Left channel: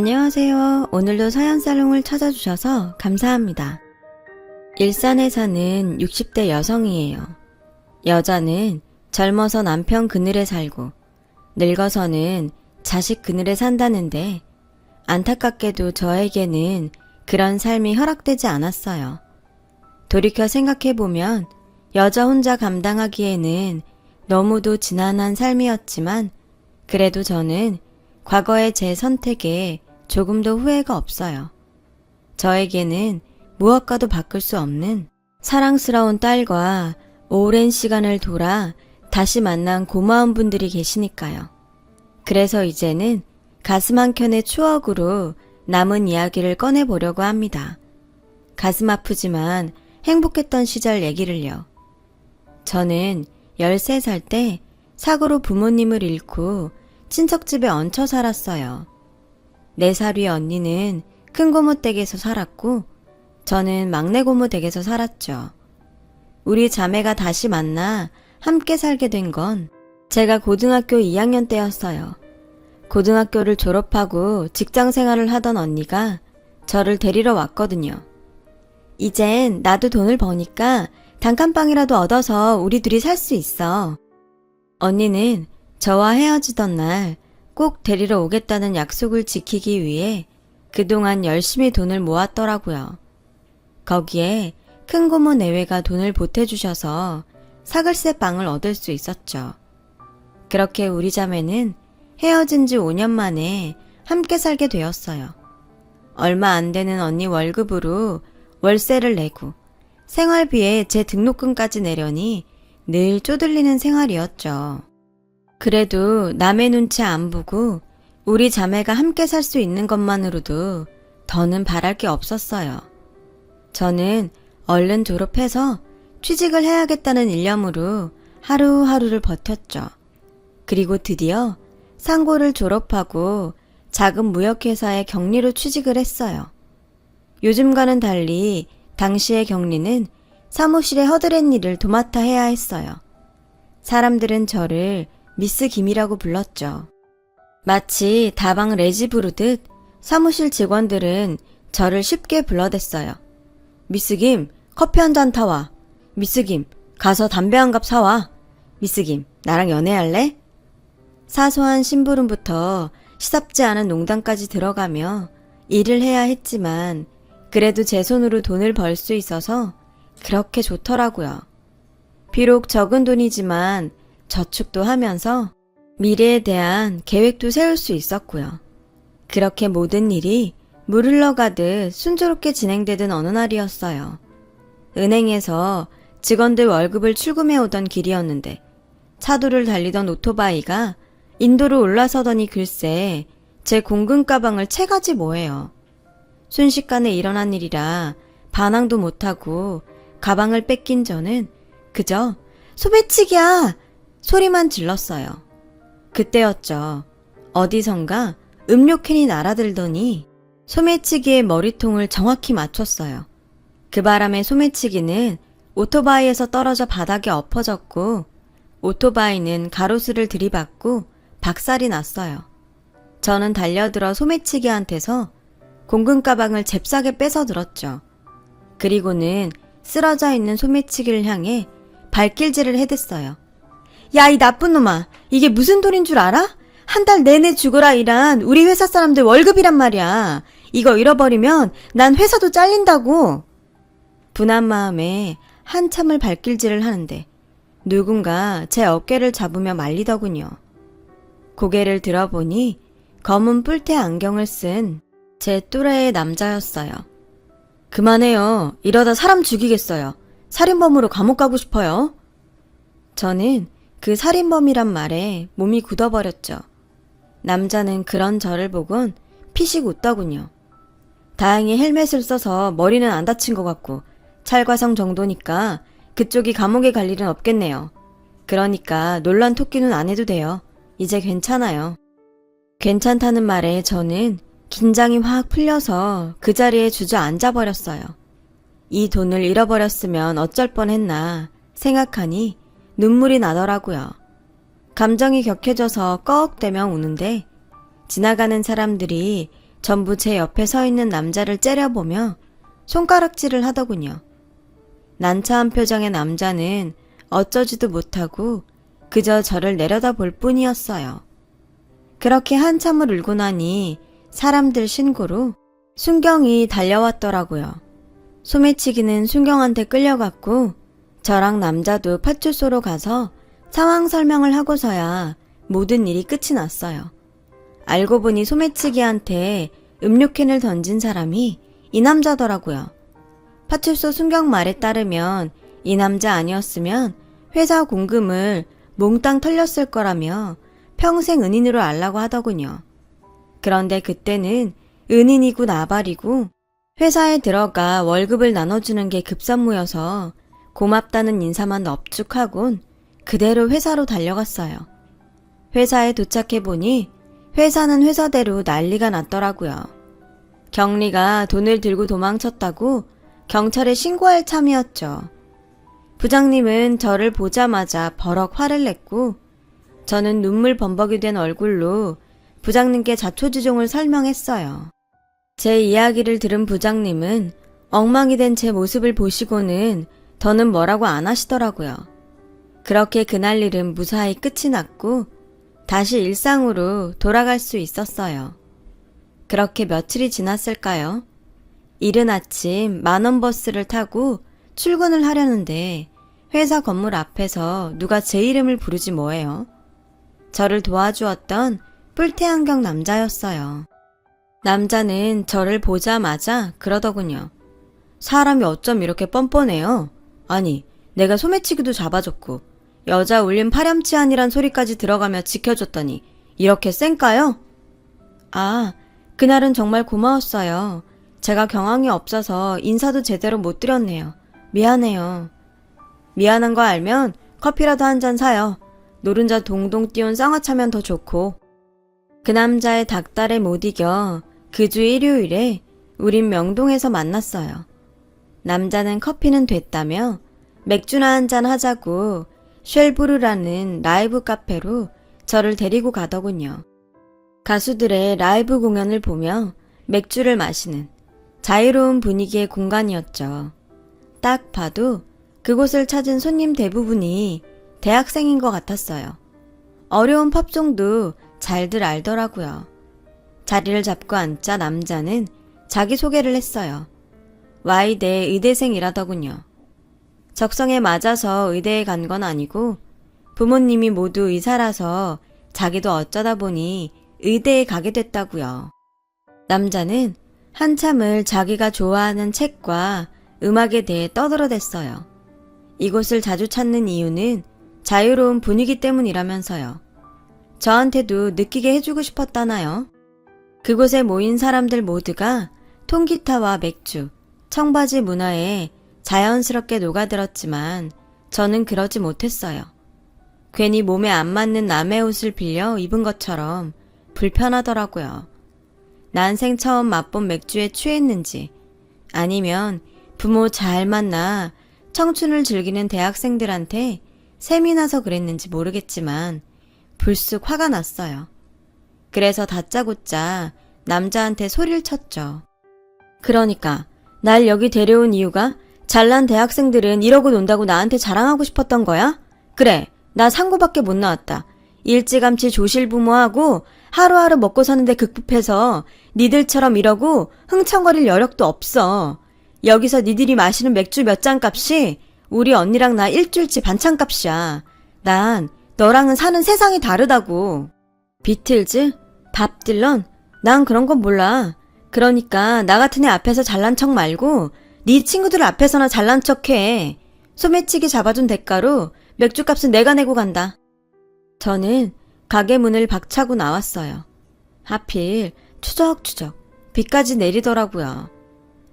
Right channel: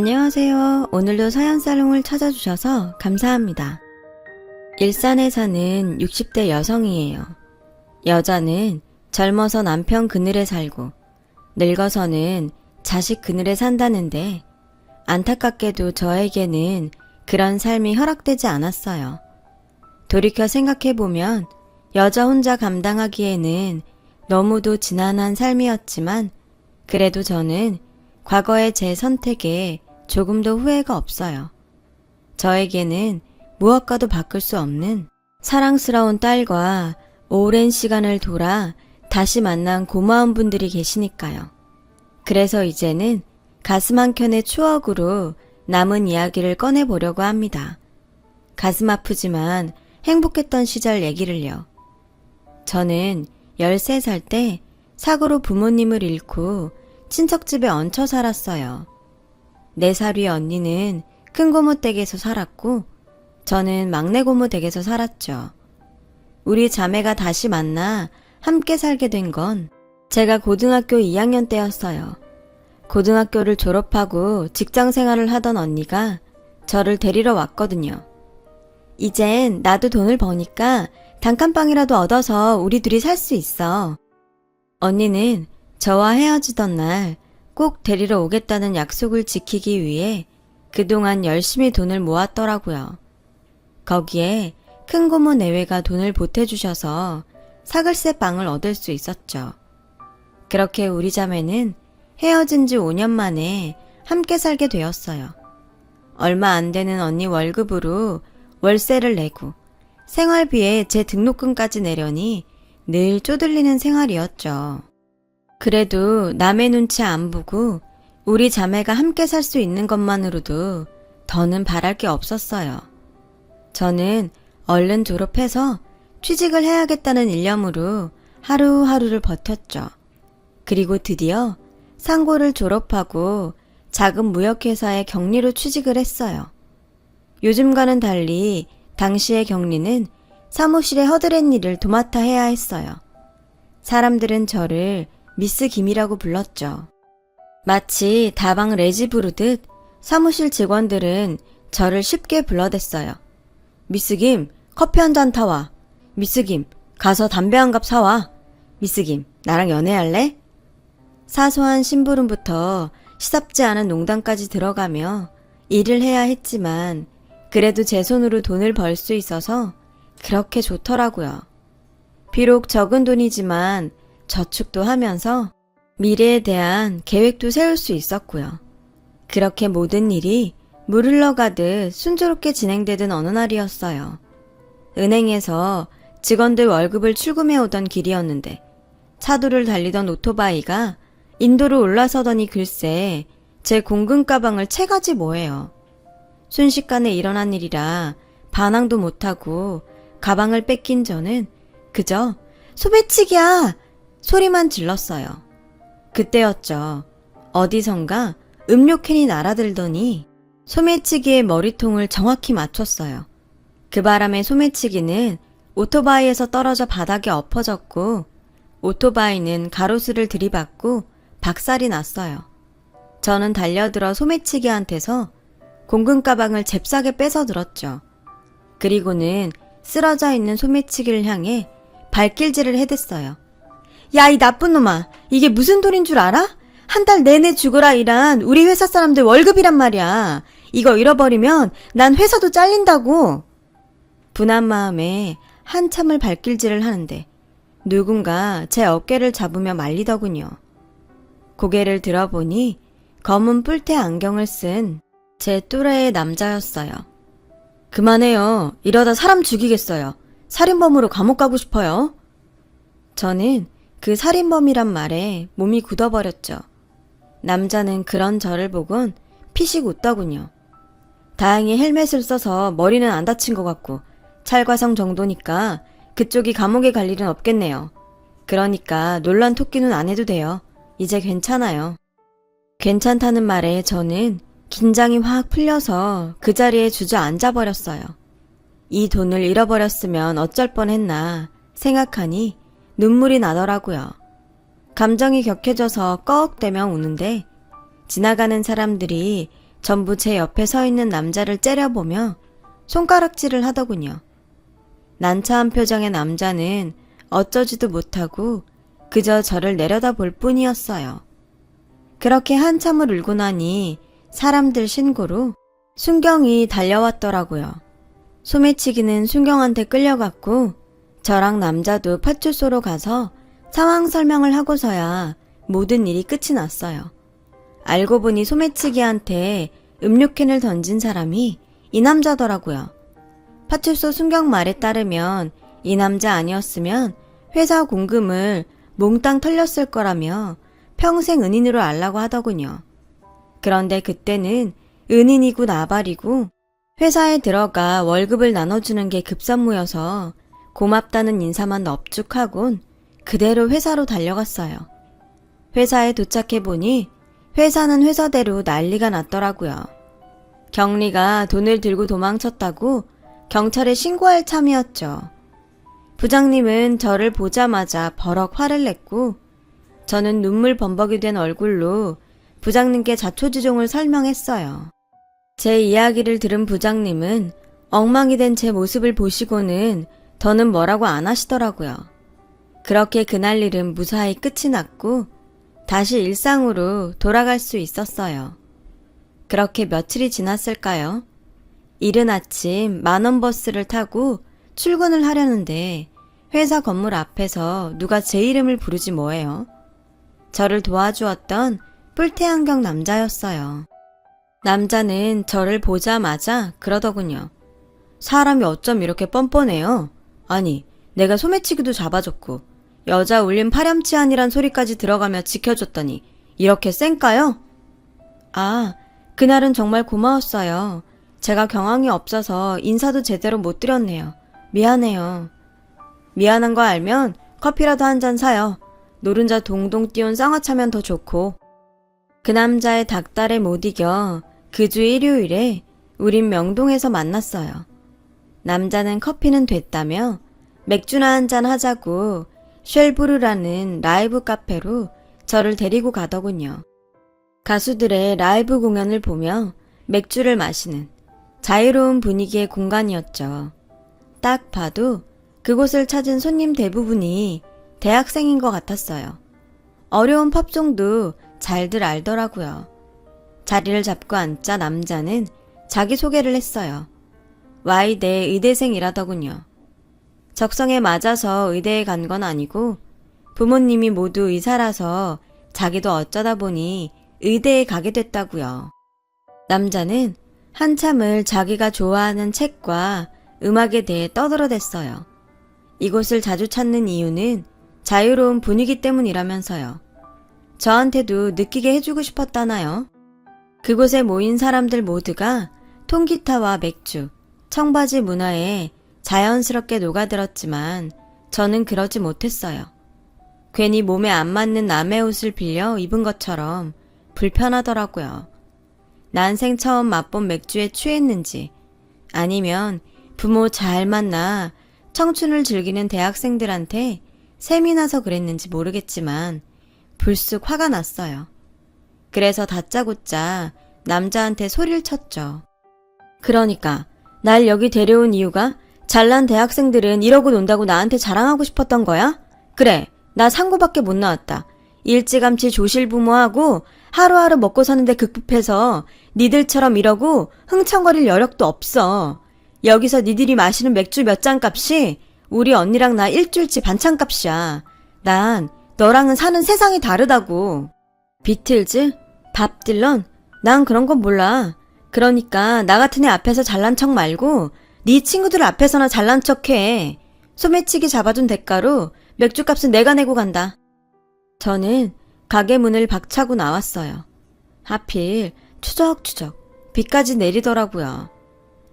안녕하세요. 오늘도 사연사롱을 찾아주셔서 감사합니다. 일산에 사는 60대 여성이에요. 여자는 젊어서 남편 그늘에 살고 늙어서는 자식 그늘에 산다는데 안타깝게도 저에게는 그런 삶이 허락되지 않았어요. 돌이켜 생각해보면 여자 혼자 감당하기에는 너무도 지난한 삶이었지만 그래도 저는 과거의 제 선택에 조금도 후회가 없어요. 저에게는 무엇과도 바꿀 수 없는 사랑스러운 딸과 오랜 시간을 돌아 다시 만난 고마운 분들이 계시니까요. 그래서 이제는 가슴 한켠의 추억으로 남은 이야기를 꺼내보려고 합니다. 가슴 아프지만 행복했던 시절 얘기를요. 저는 13살 때 사고로 부모님을 잃고 친척집에 얹혀 살았어요. 4살 위 언니는 큰 고모 댁에서 살았고 저는 막내 고모 댁에서 살았죠. 우리 자매가 다시 만나 함께 살게 된 건 제가 고등학교 2학년 때였어요. 고등학교를 졸업하고 직장 생활을 하던 언니가 저를 데리러 왔거든요. 이젠 나도 돈을 버니까 단칸방이라도 얻어서 우리 둘이 살 수 있어. 언니는 저와 헤어지던 날 꼭 데리러 오겠다는 약속을 지키기 위해 그동안 열심히 돈을 모았더라고요. 거기에 큰 고모 내외가 돈을 보태주셔서 사글세 방을 얻을 수 있었죠. 그렇게 우리 자매는 헤어진 지 5년 만에 함께 살게 되었어요. 얼마 안 되는 언니 월급으로 월세를 내고 생활비에 제 등록금까지 내려니 늘 쪼들리는 생활이었죠. 그래도 남의 눈치 안 보고 우리 자매가 함께 살 수 있는 것만으로도 더는 바랄 게 없었어요. 저는 얼른 졸업해서 취직을 해야겠다는 일념으로 하루하루를 버텼죠. 그리고 드디어 상고를 졸업하고 작은 무역회사에 격리로 취직을 했어요. 요즘과는 달리 당시의 격리는 사무실에 허드렛 일을 도맡아 해야 했어요. 사람들은 저를 미스 김이라고 불렀죠. 마치 다방 레지 부르듯 사무실 직원들은 저를 쉽게 불러댔어요. 미스 김, 커피 한 잔 타와. 미스 김, 가서 담배 한 갑 사와. 미스 김, 나랑 연애할래? 사소한 심부름부터 시sap지 않은 농담까지 들어가며 일을 해야 했지만 그래도 제 손으로 돈을 벌 수 있어서 그렇게 좋더라고요. 비록 적은 돈이지만 저축도 하면서 미래에 대한 계획도 세울 수 있었고요. 그렇게 모든 일이 물 흘러가듯 순조롭게 진행되던 어느 날이었어요. 은행에서 직원들 월급을 출금해 오던 길이었는데 차도를 달리던 오토바이가 인도로 올라서더니 글쎄 제 공금 가방을 채가지 뭐예요. 순식간에 일어난 일이라 반항도 못하고 가방을 뺏긴 저는 그저 소매치기야! 소리만 질렀어요. 그때였죠. 어디선가 음료캔이 날아들더니 소매치기의 머리통을 정확히 맞췄어요. 그 바람에 소매치기는 오토바이에서 떨어져 바닥에 엎어졌고 오토바이는 가로수를 들이받고 박살이 났어요. 저는 달려들어 소매치기한테서 공금 가방을 잽싸게 뺏어 들었죠. 그리고는 쓰러져 있는 소매치기를 향해 발길질을 해댔어요. 야, 이 나쁜 놈아. 이게 무슨 돈인 줄 알아? 한 달 내내 죽어라 일한 우리 회사 사람들 월급이란 말이야. 이거 잃어버리면 난 회사도 잘린다고. 분한 마음에 한참을 발길질을 하는데 누군가 제 어깨를 잡으며 말리더군요. 고개를 들어보니 검은 뿔테 안경을 쓴 제 또래의 남자였어요. 그만해요. 이러다 사람 죽이겠어요. 살인범으로 감옥 가고 싶어요. 저는 그 살인범이란 말에 몸이 굳어버렸죠. 남자는 그런 저를 보곤 피식 웃더군요. 다행히 헬멧을 써서 머리는 안 다친 것 같고 찰과성 정도니까 그쪽이 감옥에 갈 일은 없겠네요. 그러니까 놀란 토끼는 안 해도 돼요. 이제 괜찮아요. 괜찮다는 말에 저는 긴장이 확 풀려서 그 자리에 주저앉아버렸어요. 이 돈을 잃어버렸으면 어쩔 뻔했나 생각하니 눈물이 나더라고요. 감정이 격해져서 꺽대며 우는데 지나가는 사람들이 전부 제 옆에 서 있는 남자를 째려보며 손가락질을 하더군요. 난처한 표정의 남자는 어쩌지도 못하고 그저 저를 내려다볼 뿐이었어요. 그렇게 한참을 울고 나니 사람들 신고로 순경이 달려왔더라고요. 소매치기는 순경한테 끌려갔고 저랑 남자도 파출소로 가서 상황 설명을 하고서야 모든 일이 끝이 났어요. 알고 보니 소매치기한테 음료캔을 던진 사람이 이 남자더라고요. 파출소 순경 말에 따르면 이 남자 아니었으면 회사 공금을 몽땅 털렸을 거라며 평생 은인으로 알라고 하더군요. 그런데 그때는 은인이고 나발이고 회사에 들어가 월급을 나눠주는 게 급선무여서 고맙다는 인사만 넙죽하곤 그대로 회사로 달려갔어요. 회사에 도착해보니 회사는 회사대로 난리가 났더라고요. 경리가 돈을 들고 도망쳤다고 경찰에 신고할 참이었죠. 부장님은 저를 보자마자 버럭 화를 냈고 저는 눈물 범벅이 된 얼굴로 부장님께 자초지종을 설명했어요. 제 이야기를 들은 부장님은 엉망이 된 제 모습을 보시고는 더는 뭐라고 안 하시더라고요. 그렇게 그날 일은 무사히 끝이 났고 다시 일상으로 돌아갈 수 있었어요. 그렇게 며칠이 지났을까요? 이른 아침 만원 버스를 타고 출근을 하려는데 회사 건물 앞에서 누가 제 이름을 부르지 뭐예요. 저를 도와주었던 뿔테안경 남자였어요. 남자는 저를 보자마자 그러더군요. 사람이 어쩜 이렇게 뻔뻔해요? 아니, 내가 소매치기도 잡아줬고 여자 울림 파렴치한이란 소리까지 들어가며 지켜줬더니 이렇게 쌩까요? 아, 그날은 정말 고마웠어요. 제가 경황이 없어서 인사도 제대로 못 드렸네요. 미안해요. 미안한 거 알면 커피라도 한 잔 사요. 노른자 동동 띄운 쌍화차면 더 좋고. 그 남자의 닭달에 못 이겨 그 주 일요일에 우린 명동에서 만났어요. 남자는 커피는 됐다며 맥주나 한잔 하자고 쉘브르라는 라이브 카페로 저를 데리고 가더군요. 가수들의 라이브 공연을 보며 맥주를 마시는 자유로운 분위기의 공간이었죠. 딱 봐도 그곳을 찾은 손님 대부분이 대학생인 것 같았어요. 어려운 팝송도 잘들 알더라고요. 자리를 잡고 앉자 남자는 자기소개를 했어요. Y대 의대생이라더군요. 적성에 맞아서 의대에 간 건 아니고 부모님이 모두 의사라서 자기도 어쩌다 보니 의대에 가게 됐다고요. 남자는 한참을 자기가 좋아하는 책과 음악에 대해 떠들어댔어요. 이곳을 자주 찾는 이유는 자유로운 분위기 때문이라면서요. 저한테도 느끼게 해주고 싶었다나요? 그곳에 모인 사람들 모두가 통기타와 맥주, 청바지 문화에 자연스럽게 녹아들었지만 저는 그러지 못했어요. 괜히 몸에 안 맞는 남의 옷을 빌려 입은 것처럼 불편하더라고요. 난생 처음 맛본 맥주에 취했는지 아니면 부모 잘 만나 청춘을 즐기는 대학생들한테 셈이 나서 그랬는지 모르겠지만 불쑥 화가 났어요. 그래서 다짜고짜 남자한테 소리를 쳤죠. 그러니까 날 여기 데려온 이유가 잘난 대학생들은 이러고 논다고 나한테 자랑하고 싶었던 거야? 그래, 나 상고밖에 못 나왔다. 일찌감치 조실부모하고 하루하루 먹고 사는데 급급해서 니들처럼 이러고 흥청거릴 여력도 없어. 여기서 니들이 마시는 맥주 몇 잔 값이 우리 언니랑 나 일주일치 반찬 값이야. 난 너랑은 사는 세상이 다르다고. 비틀즈? 밥 딜런? 난 그런 건 몰라. 그러니까 나 같은 애 앞에서 잘난 척 말고 네 친구들 앞에서나 잘난 척해. 소매치기 잡아준 대가로 맥주값은 내가 내고 간다. 저는 가게 문을 박차고 나왔어요. 하필 추적추적 비까지 내리더라고요.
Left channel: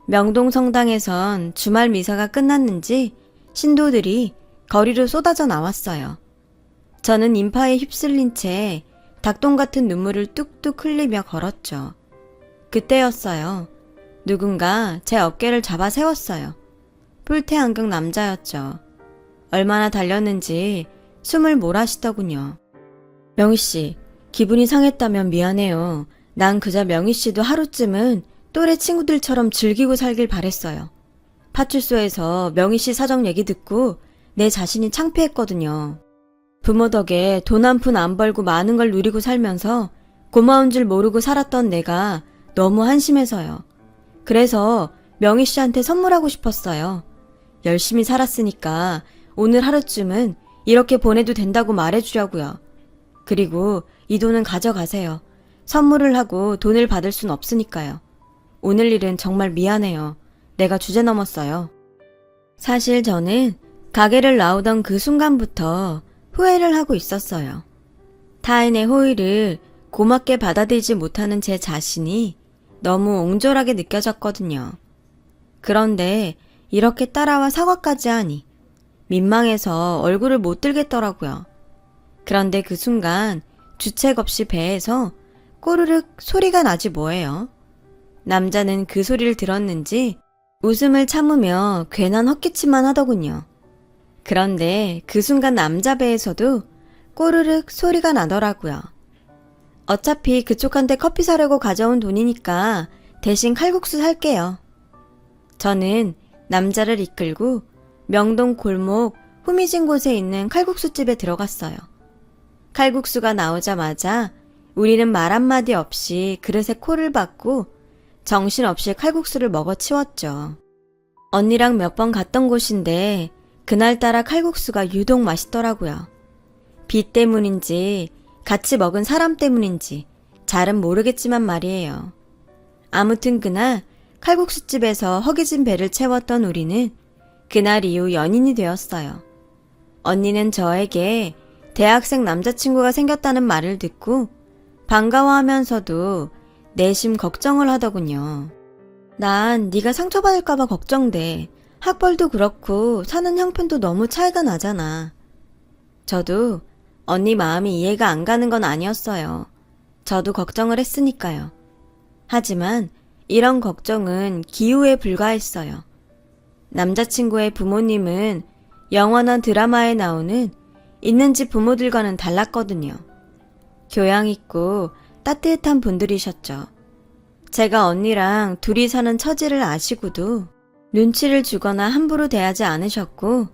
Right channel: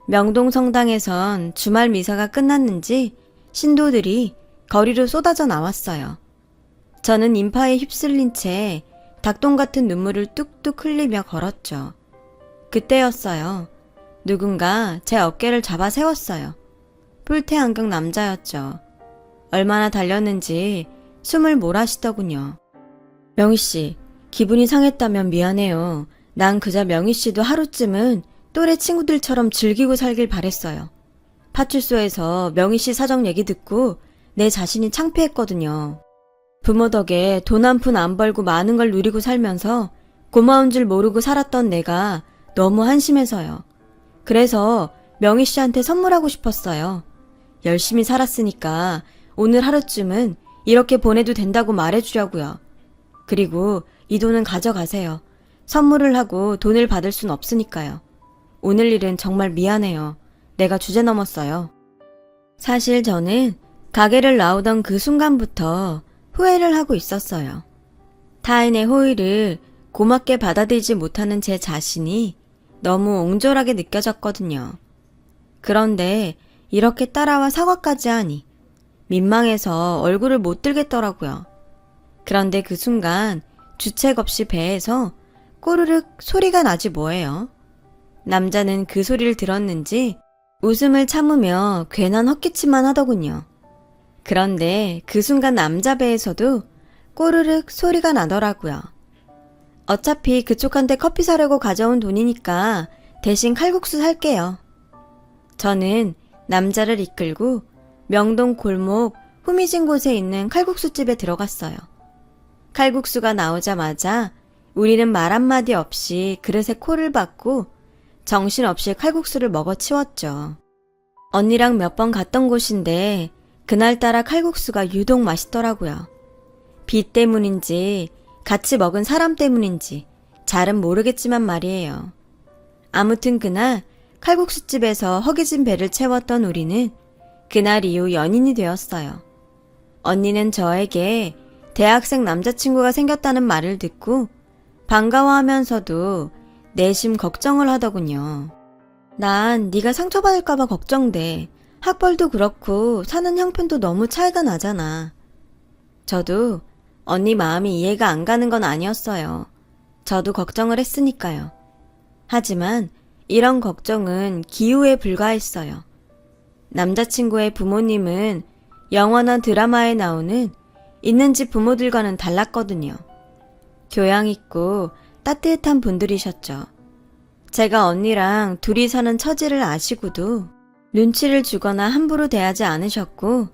명동 성당에선 주말 미사가 끝났는지 신도들이 거리로 쏟아져 나왔어요. 저는 인파에 휩쓸린 채 닭똥 같은 눈물을 뚝뚝 흘리며 걸었죠. 그때였어요. 누군가 제 어깨를 잡아 세웠어요. 뿔테안경 남자였죠. 얼마나 달렸는지 숨을 몰아쉬더군요. 명희씨, 기분이 상했다면 미안해요. 난 그저 명희 씨도 하루쯤은 또래 친구들처럼 즐기고 살길 바랬어요. 파출소에서 명희 씨 사정 얘기 듣고 내 자신이 창피했거든요. 부모 덕에 돈 한 푼 안 벌고 많은 걸 누리고 살면서 고마운 줄 모르고 살았던 내가 너무 한심해서요. 그래서 명희 씨한테 선물하고 싶었어요. 열심히 살았으니까 오늘 하루쯤은 이렇게 보내도 된다고 말해주려고요. 그리고 이 돈은 가져가세요. 선물을 하고 돈을 받을 순 없으니까요. 오늘 일은 정말 미안해요. 내가 주제 넘었어요. 사실 저는 가게를 나오던 그 순간부터 후회를 하고 있었어요. 타인의 호의를 고맙게 받아들이지 못하는 제 자신이 너무 옹졸하게 느껴졌거든요. 그런데 이렇게 따라와 사과까지 하니 민망해서 얼굴을 못 들겠더라고요. 그런데 그 순간 주책 없이 배에서 꾸르륵 소리가 나지 뭐예요. 남자는 그 소리를 들었는지 웃음을 참으며 괜한 헛기침만 하더군요. 그런데 그 순간 남자 배에서도 꼬르륵 소리가 나더라고요. 어차피 그쪽한테 커피 사려고 가져온 돈이니까 대신 칼국수 살게요. 저는 남자를 이끌고 명동 골목 후미진 곳에 있는 칼국수집에 들어갔어요. 칼국수가 나오자마자 우리는 말 한마디 없이 그릇에 코를 박고 정신없이 칼국수를 먹어 치웠죠. 언니랑 몇 번 갔던 곳인데 그날따라 칼국수가 유독 맛있더라고요. 비 때문인지 같이 먹은 사람 때문인지 잘은 모르겠지만 말이에요. 아무튼 그날 칼국수집에서 허기진 배를 채웠던 우리는 그날 이후 연인이 되었어요. 언니는 저에게 대학생 남자친구가 생겼다는 말을 듣고 반가워하면서도 내심 걱정을 하더군요. 난 네가 상처받을까봐 걱정돼. 학벌도 그렇고 사는 형편도 너무 차이가 나잖아. 저도 언니 마음이 이해가 안 가는 건 아니었어요. 저도 걱정을 했으니까요. 하지만 이런 걱정은 기우에 불과했어요. 남자친구의 부모님은 영화나 드라마에 나오는 있는 집 부모들과는 달랐거든요. 교양 있고 따뜻한 분들이셨죠. 제가 언니랑 둘이 사는 처지를 아시고도 눈치를 주거나 함부로 대하지 않으셨고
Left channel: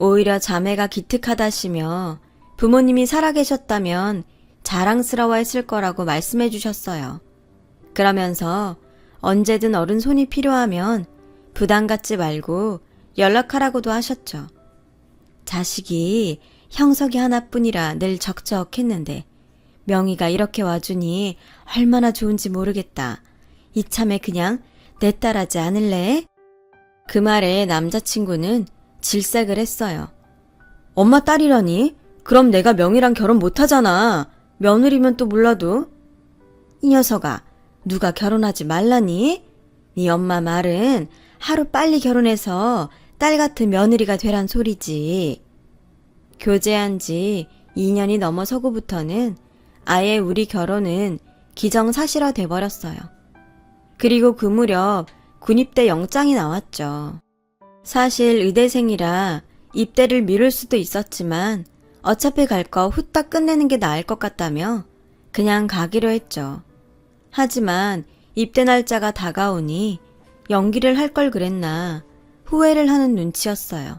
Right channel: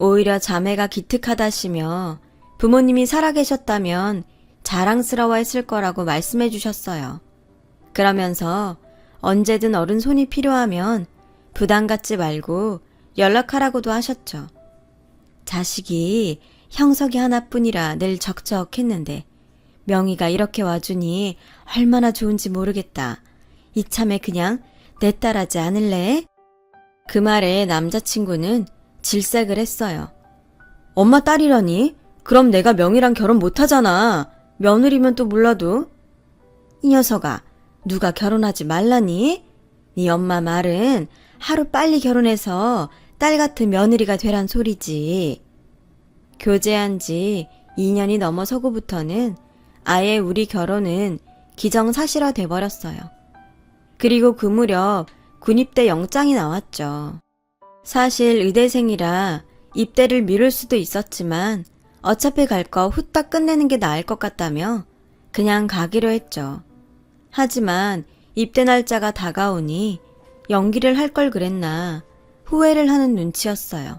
오히려 자매가 기특하다시며 부모님이 살아계셨다면 자랑스러워했을 거라고 말씀해 주셨어요. 그러면서 언제든 어른 손이 필요하면 부담 갖지 말고 연락하라고도 하셨죠. 자식이 형석이 하나뿐이라 늘 적적했는데 명희가 이렇게 와주니 얼마나 좋은지 모르겠다. 이참에 그냥 내 딸하지 않을래? 그 말에 남자친구는 질색을 했어요. 엄마 딸이라니? 그럼 내가 명희랑 결혼 못하잖아. 며느리면 또 몰라도. 이 녀석아, 누가 결혼하지 말라니? 네 엄마 말은 하루 빨리 결혼해서 딸 같은 며느리가 되란 소리지. 교제한 지 2년이 넘어서고부터는 아예 우리 결혼은 기정사실화 돼버렸어요. 그리고 그 무렵 군입대 영장이 나왔죠. 사실 의대생이라 입대를 미룰 수도 있었지만 어차피 갈 거 후딱 끝내는 게 나을 것 같다며 그냥 가기로 했죠. 하지만 입대 날짜가 다가오니 연기를 할 걸 그랬나 후회를 하는 눈치였어요.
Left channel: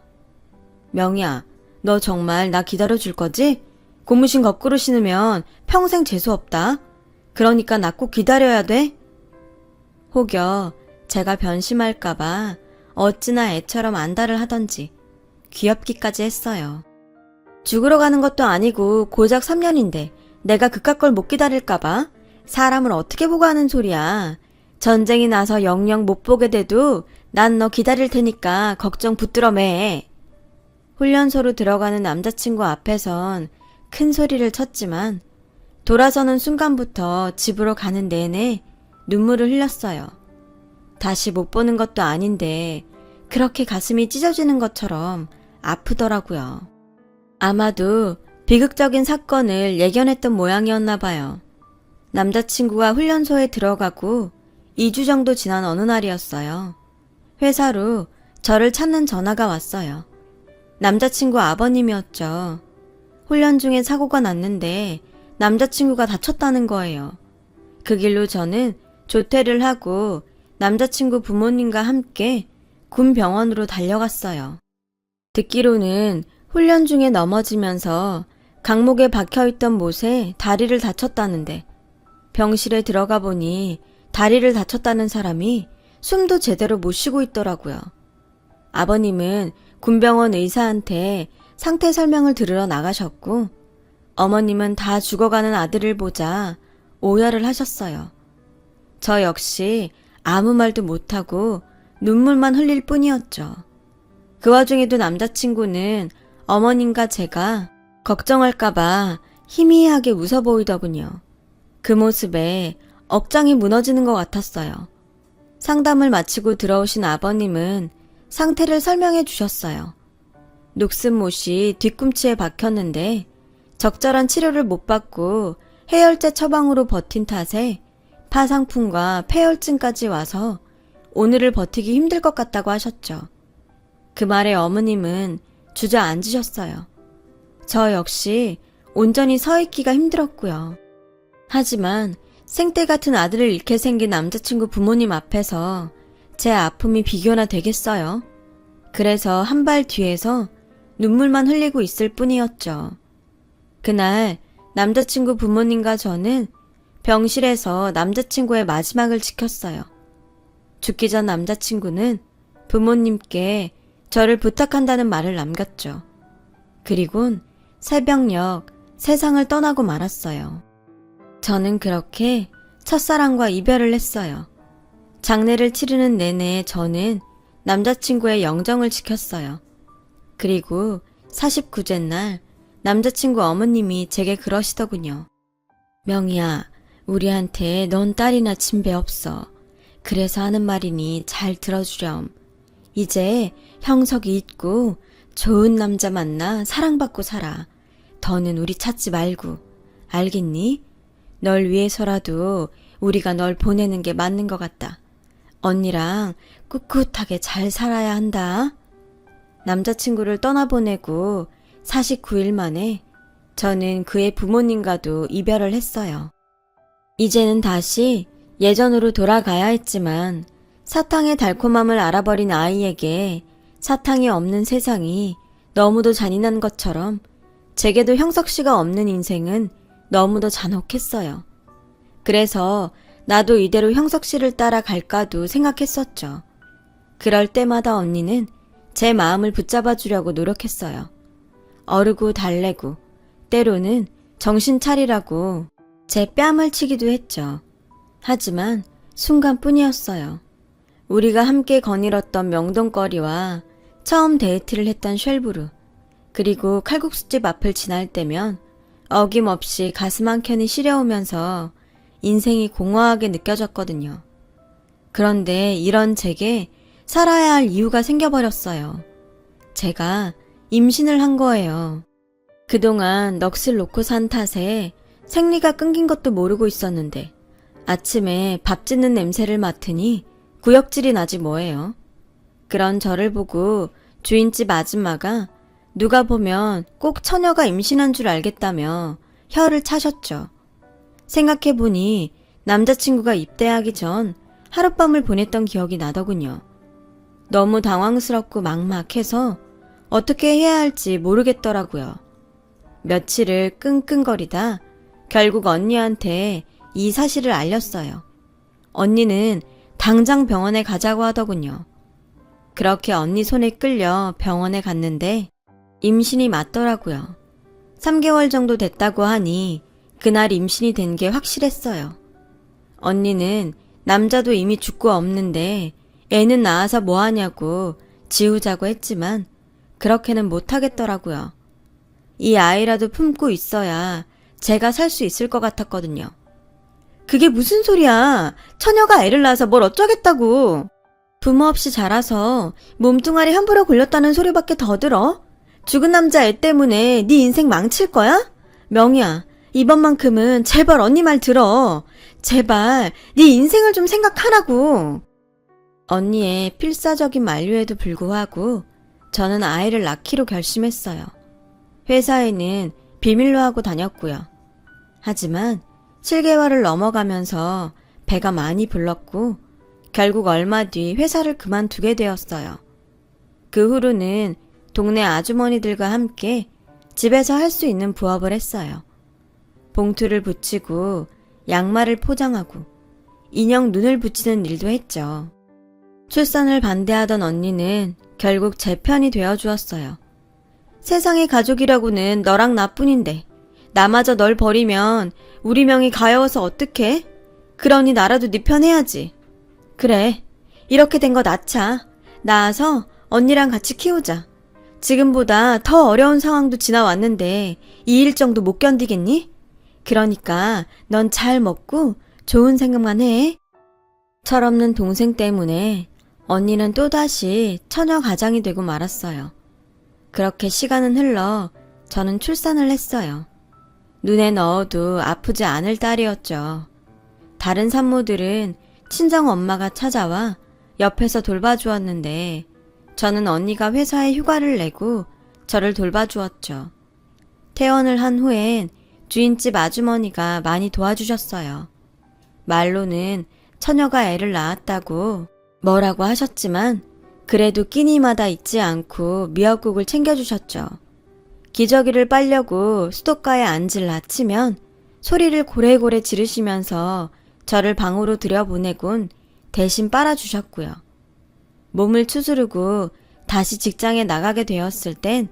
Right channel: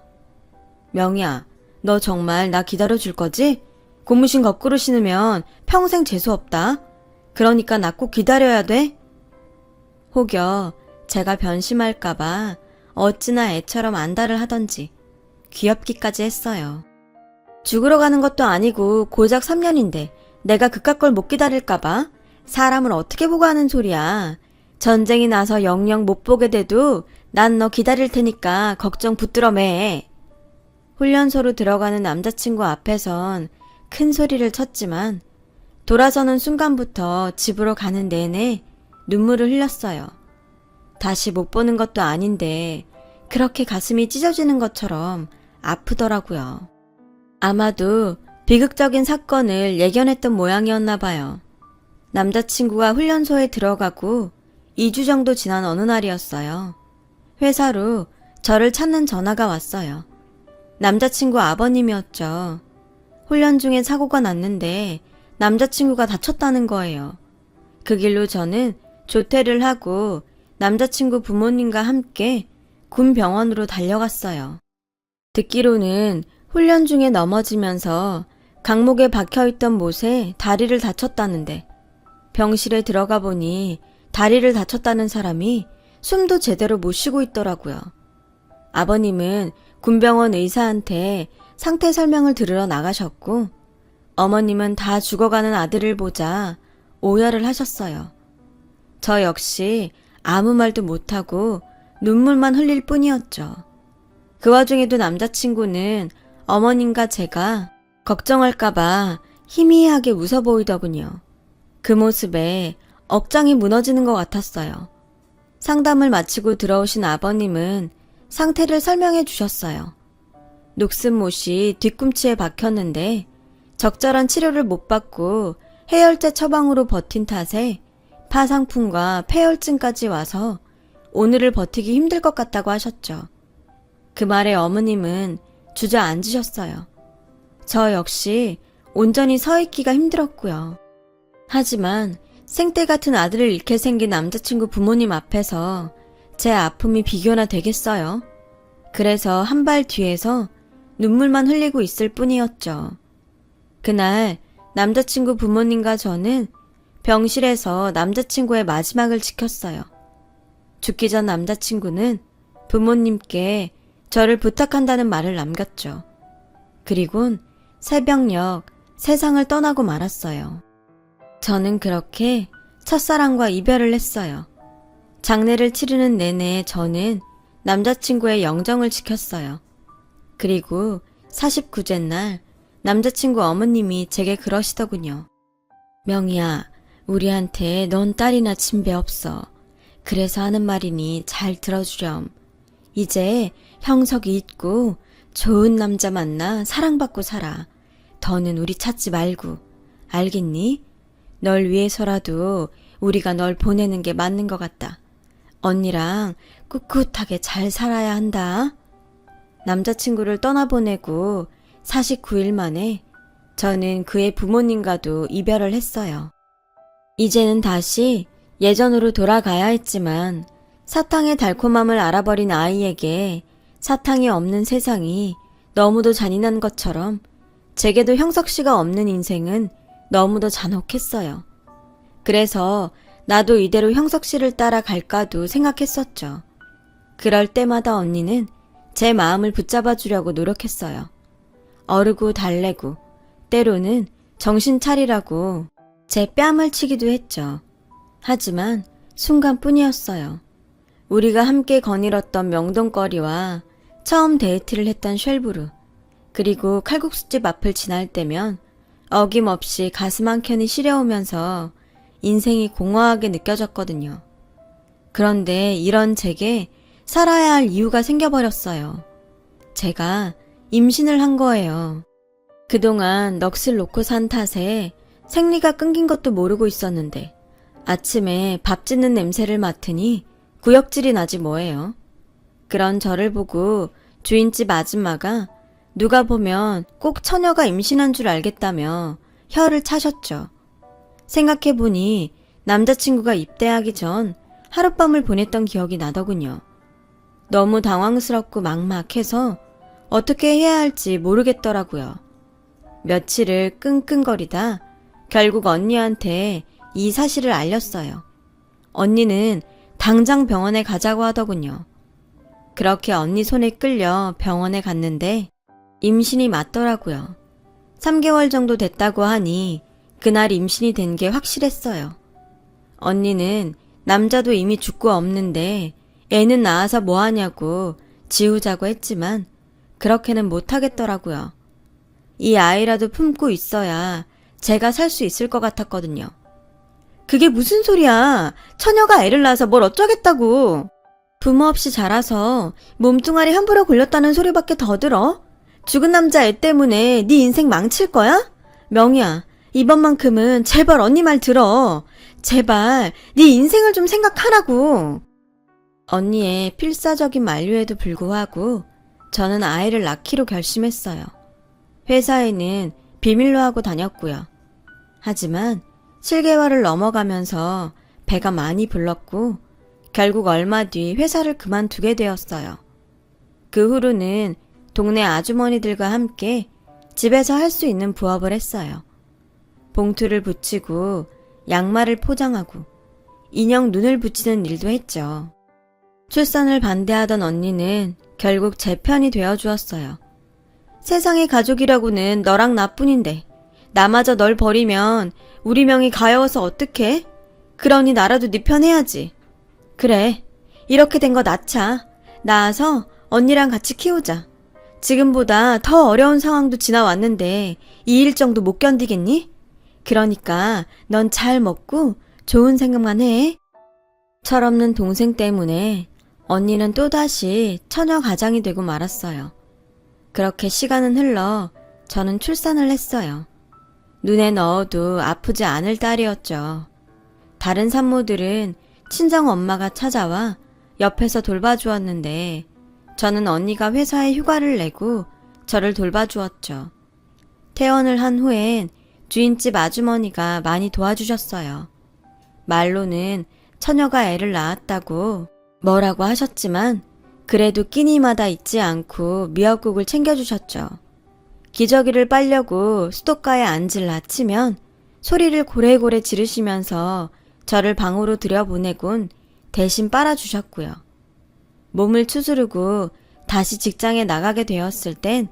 명희야, 너 정말 나 기다려줄 거지? 고무신 거꾸로 신으면 평생 재수없다. 그러니까 나 꼭 기다려야 돼. 혹여 제가 변심할까봐 어찌나 애처럼 안달을 하던지 귀엽기까지 했어요. 죽으러 가는 것도 아니고 고작 3년인데 내가 그깟 걸 못 기다릴까봐? 사람을 어떻게 보고 하는 소리야. 전쟁이 나서 영영 못 보게 돼도 난 너 기다릴 테니까 걱정 붙들어 매. 훈련소로 들어가는 남자친구 앞에선 큰 소리를 쳤지만 돌아서는 순간부터 집으로 가는 내내 눈물을 흘렸어요. 다시 못 보는 것도 아닌데 그렇게 가슴이 찢어지는 것처럼 아프더라고요. 아마도 비극적인 사건을 예견했던 모양이었나 봐요. 남자친구가 훈련소에 들어가고 2주 정도 지난 어느 날이었어요. 회사로 저를 찾는 전화가 왔어요. 남자친구 아버님이었죠. 훈련 중에 사고가 났는데 남자친구가 다쳤다는 거예요. 그 길로 저는 조퇴를 하고 남자친구 부모님과 함께 군 병원으로 달려갔어요. 듣기로는 훈련 중에 넘어지면서 강목에 박혀있던 못에 다리를 다쳤다는데 병실에 들어가 보니 다리를 다쳤다는 사람이 숨도 제대로 못 쉬고 있더라고요. 아버님은 군병원 의사한테 상태 설명을 들으러 나가셨고 어머님은 다 죽어가는 아들을 보자 오열을 하셨어요. 저 역시 아무 말도 못하고 눈물만 흘릴 뿐이었죠. 그 와중에도 남자친구는 어머님과 제가 걱정할까봐 희미하게 웃어 보이더군요. 그 모습에 억장이 무너지는 것 같았어요. 상담을 마치고 들어오신 아버님은 상태를 설명해 주셨어요. 녹슨못이 뒤꿈치에 박혔는데 적절한 치료를 못 받고 해열제 처방으로 버틴 탓에 파상풍과 폐혈증까지 와서 오늘을 버티기 힘들 것 같다고 하셨죠. 그 말에 어머님은 주저앉으셨어요. 저 역시 온전히 서 있기가 힘들었고요. 하지만 생떼 같은 아들을 잃게 생긴 남자친구 부모님 앞에서 제 아픔이 비교나 되겠어요? 그래서 한 발 뒤에서 눈물만 흘리고 있을 뿐이었죠. 그날 남자친구 부모님과 저는 병실에서 남자친구의 마지막을 지켰어요. 죽기 전 남자친구는 부모님께 저를 부탁한다는 말을 남겼죠. 그리곤 새벽녘 세상을 떠나고 말았어요. 저는 그렇게 첫사랑과 이별을 했어요. 장례를 치르는 내내 저는 남자친구의 영정을 지켰어요. 그리고 49째 날 남자친구 어머님이 제게 그러시더군요. 명희야, 우리한테 넌 딸이나 친배 없어. 그래서 하는 말이니 잘 들어주렴. 이제 형석이 있고 좋은 남자 만나 사랑받고 살아. 더는 우리 찾지 말고. 알겠니? 널 위해서라도 우리가 널 보내는 게 맞는 것 같다. 언니랑 꿋꿋하게 잘 살아야 한다. 남자친구를 떠나보내고 49일 만에 저는 그의 부모님과도 이별을 했어요. 이제는 다시 예전으로 돌아가야 했지만 사탕의 달콤함을 알아버린 아이에게 사탕이 없는 세상이 너무도 잔인한 것처럼 제게도 형석 씨가 없는 인생은 너무도 잔혹했어요. 그래서 나도 이대로 형석 씨를 따라 갈까도 생각했었죠. 그럴 때마다 언니는 제 마음을 붙잡아 주려고 노력했어요. 어르고 달래고 때로는 정신 차리라고 제 뺨을 치기도 했죠. 하지만 순간뿐이었어요. 우리가 함께 거닐었던 명동거리와 처음 데이트를 했던 셜브루, 그리고 칼국수집 앞을 지날 때면 어김없이 가슴 한켠이 시려우면서 인생이 공허하게 느껴졌거든요. 그런데 이런 제게 살아야 할 이유가 생겨버렸어요. 제가 임신을 한 거예요. 그동안 넋을 놓고 산 탓에 생리가 끊긴 것도 모르고 있었는데 아침에 밥 짓는 냄새를 맡으니 구역질이 나지 뭐예요. 그런 저를 보고 주인집 아줌마가 누가 보면 꼭 처녀가 임신한 줄 알겠다며 혀를 차셨죠. 생각해보니 남자친구가 입대하기 전 하룻밤을 보냈던 기억이 나더군요. 너무 당황스럽고 막막해서 어떻게 해야 할지 모르겠더라고요. 며칠을 끙끙거리다 결국 언니한테 이 사실을 알렸어요. 언니는 당장 병원에 가자고 하더군요. 그렇게 언니 손에 끌려 병원에 갔는데 임신이 맞더라고요. 3개월 정도 됐다고 하니 그날 임신이 된 게 확실했어요. 언니는 남자도 이미 죽고 없는데 애는 낳아서 뭐하냐고 지우자고 했지만 그렇게는 못하겠더라고요. 이 아이라도 품고 있어야 제가 살 수 있을 것 같았거든요. 그게 무슨 소리야. 처녀가 애를 낳아서 뭘 어쩌겠다고. 부모 없이 자라서 몸뚱아리 함부로 골렸다는 소리밖에 더 들어? 죽은 남자 애 때문에 네 인생 망칠 거야? 명희야, 이번만큼은 제발 언니 말 들어. 제발 네 인생을 좀 생각하라고. 언니의 필사적인 만류에도 불구하고 저는 아이를 낳기로 결심했어요. 회사에는 비밀로 하고 다녔고요. 하지만 7개월을 넘어가면서 배가 많이 불렀고 결국 얼마 뒤 회사를 그만두게 되었어요. 그 후로는 동네 아주머니들과 함께 집에서 할 수 있는 부업을 했어요. 봉투를 붙이고 양말을 포장하고 인형 눈을 붙이는 일도 했죠. 출산을 반대하던 언니는 결국 제 편이 되어주었어요. 세상의 가족이라고는 너랑 나뿐인데 나마저 널 버리면 우리 명이 가여워서 어떡해? 그러니 나라도 네 편 해야지. 그래, 이렇게 된 거 낳자. 낳아서 언니랑 같이 키우자. 지금보다 더 어려운 상황도 지나왔는데 이 일 정도 못 견디겠니? 그러니까 넌 잘 먹고 좋은 생각만 해. 철없는 동생 때문에 언니는 또다시 처녀 가장이 되고 말았어요. 그렇게 시간은 흘러 저는 출산을 했어요. 눈에 넣어도 아프지 않을 딸이었죠. 다른 산모들은 친정 엄마가 찾아와 옆에서 돌봐주었는데 저는 언니가 회사에 휴가를 내고 저를 돌봐주었죠. 퇴원을 한 후엔 주인집 아주머니가 많이 도와주셨어요. 말로는 처녀가 애를 낳았다고 뭐라고 하셨지만 그래도 끼니마다 잊지 않고 미역국을 챙겨주셨죠. 기저귀를 빨려고 수도가에 앉을 낳치면 소리를 고래고래 지르시면서 저를 방으로 들여보내곤 대신 빨아주셨고요. 몸을 추스르고 다시 직장에 나가게 되었을 땐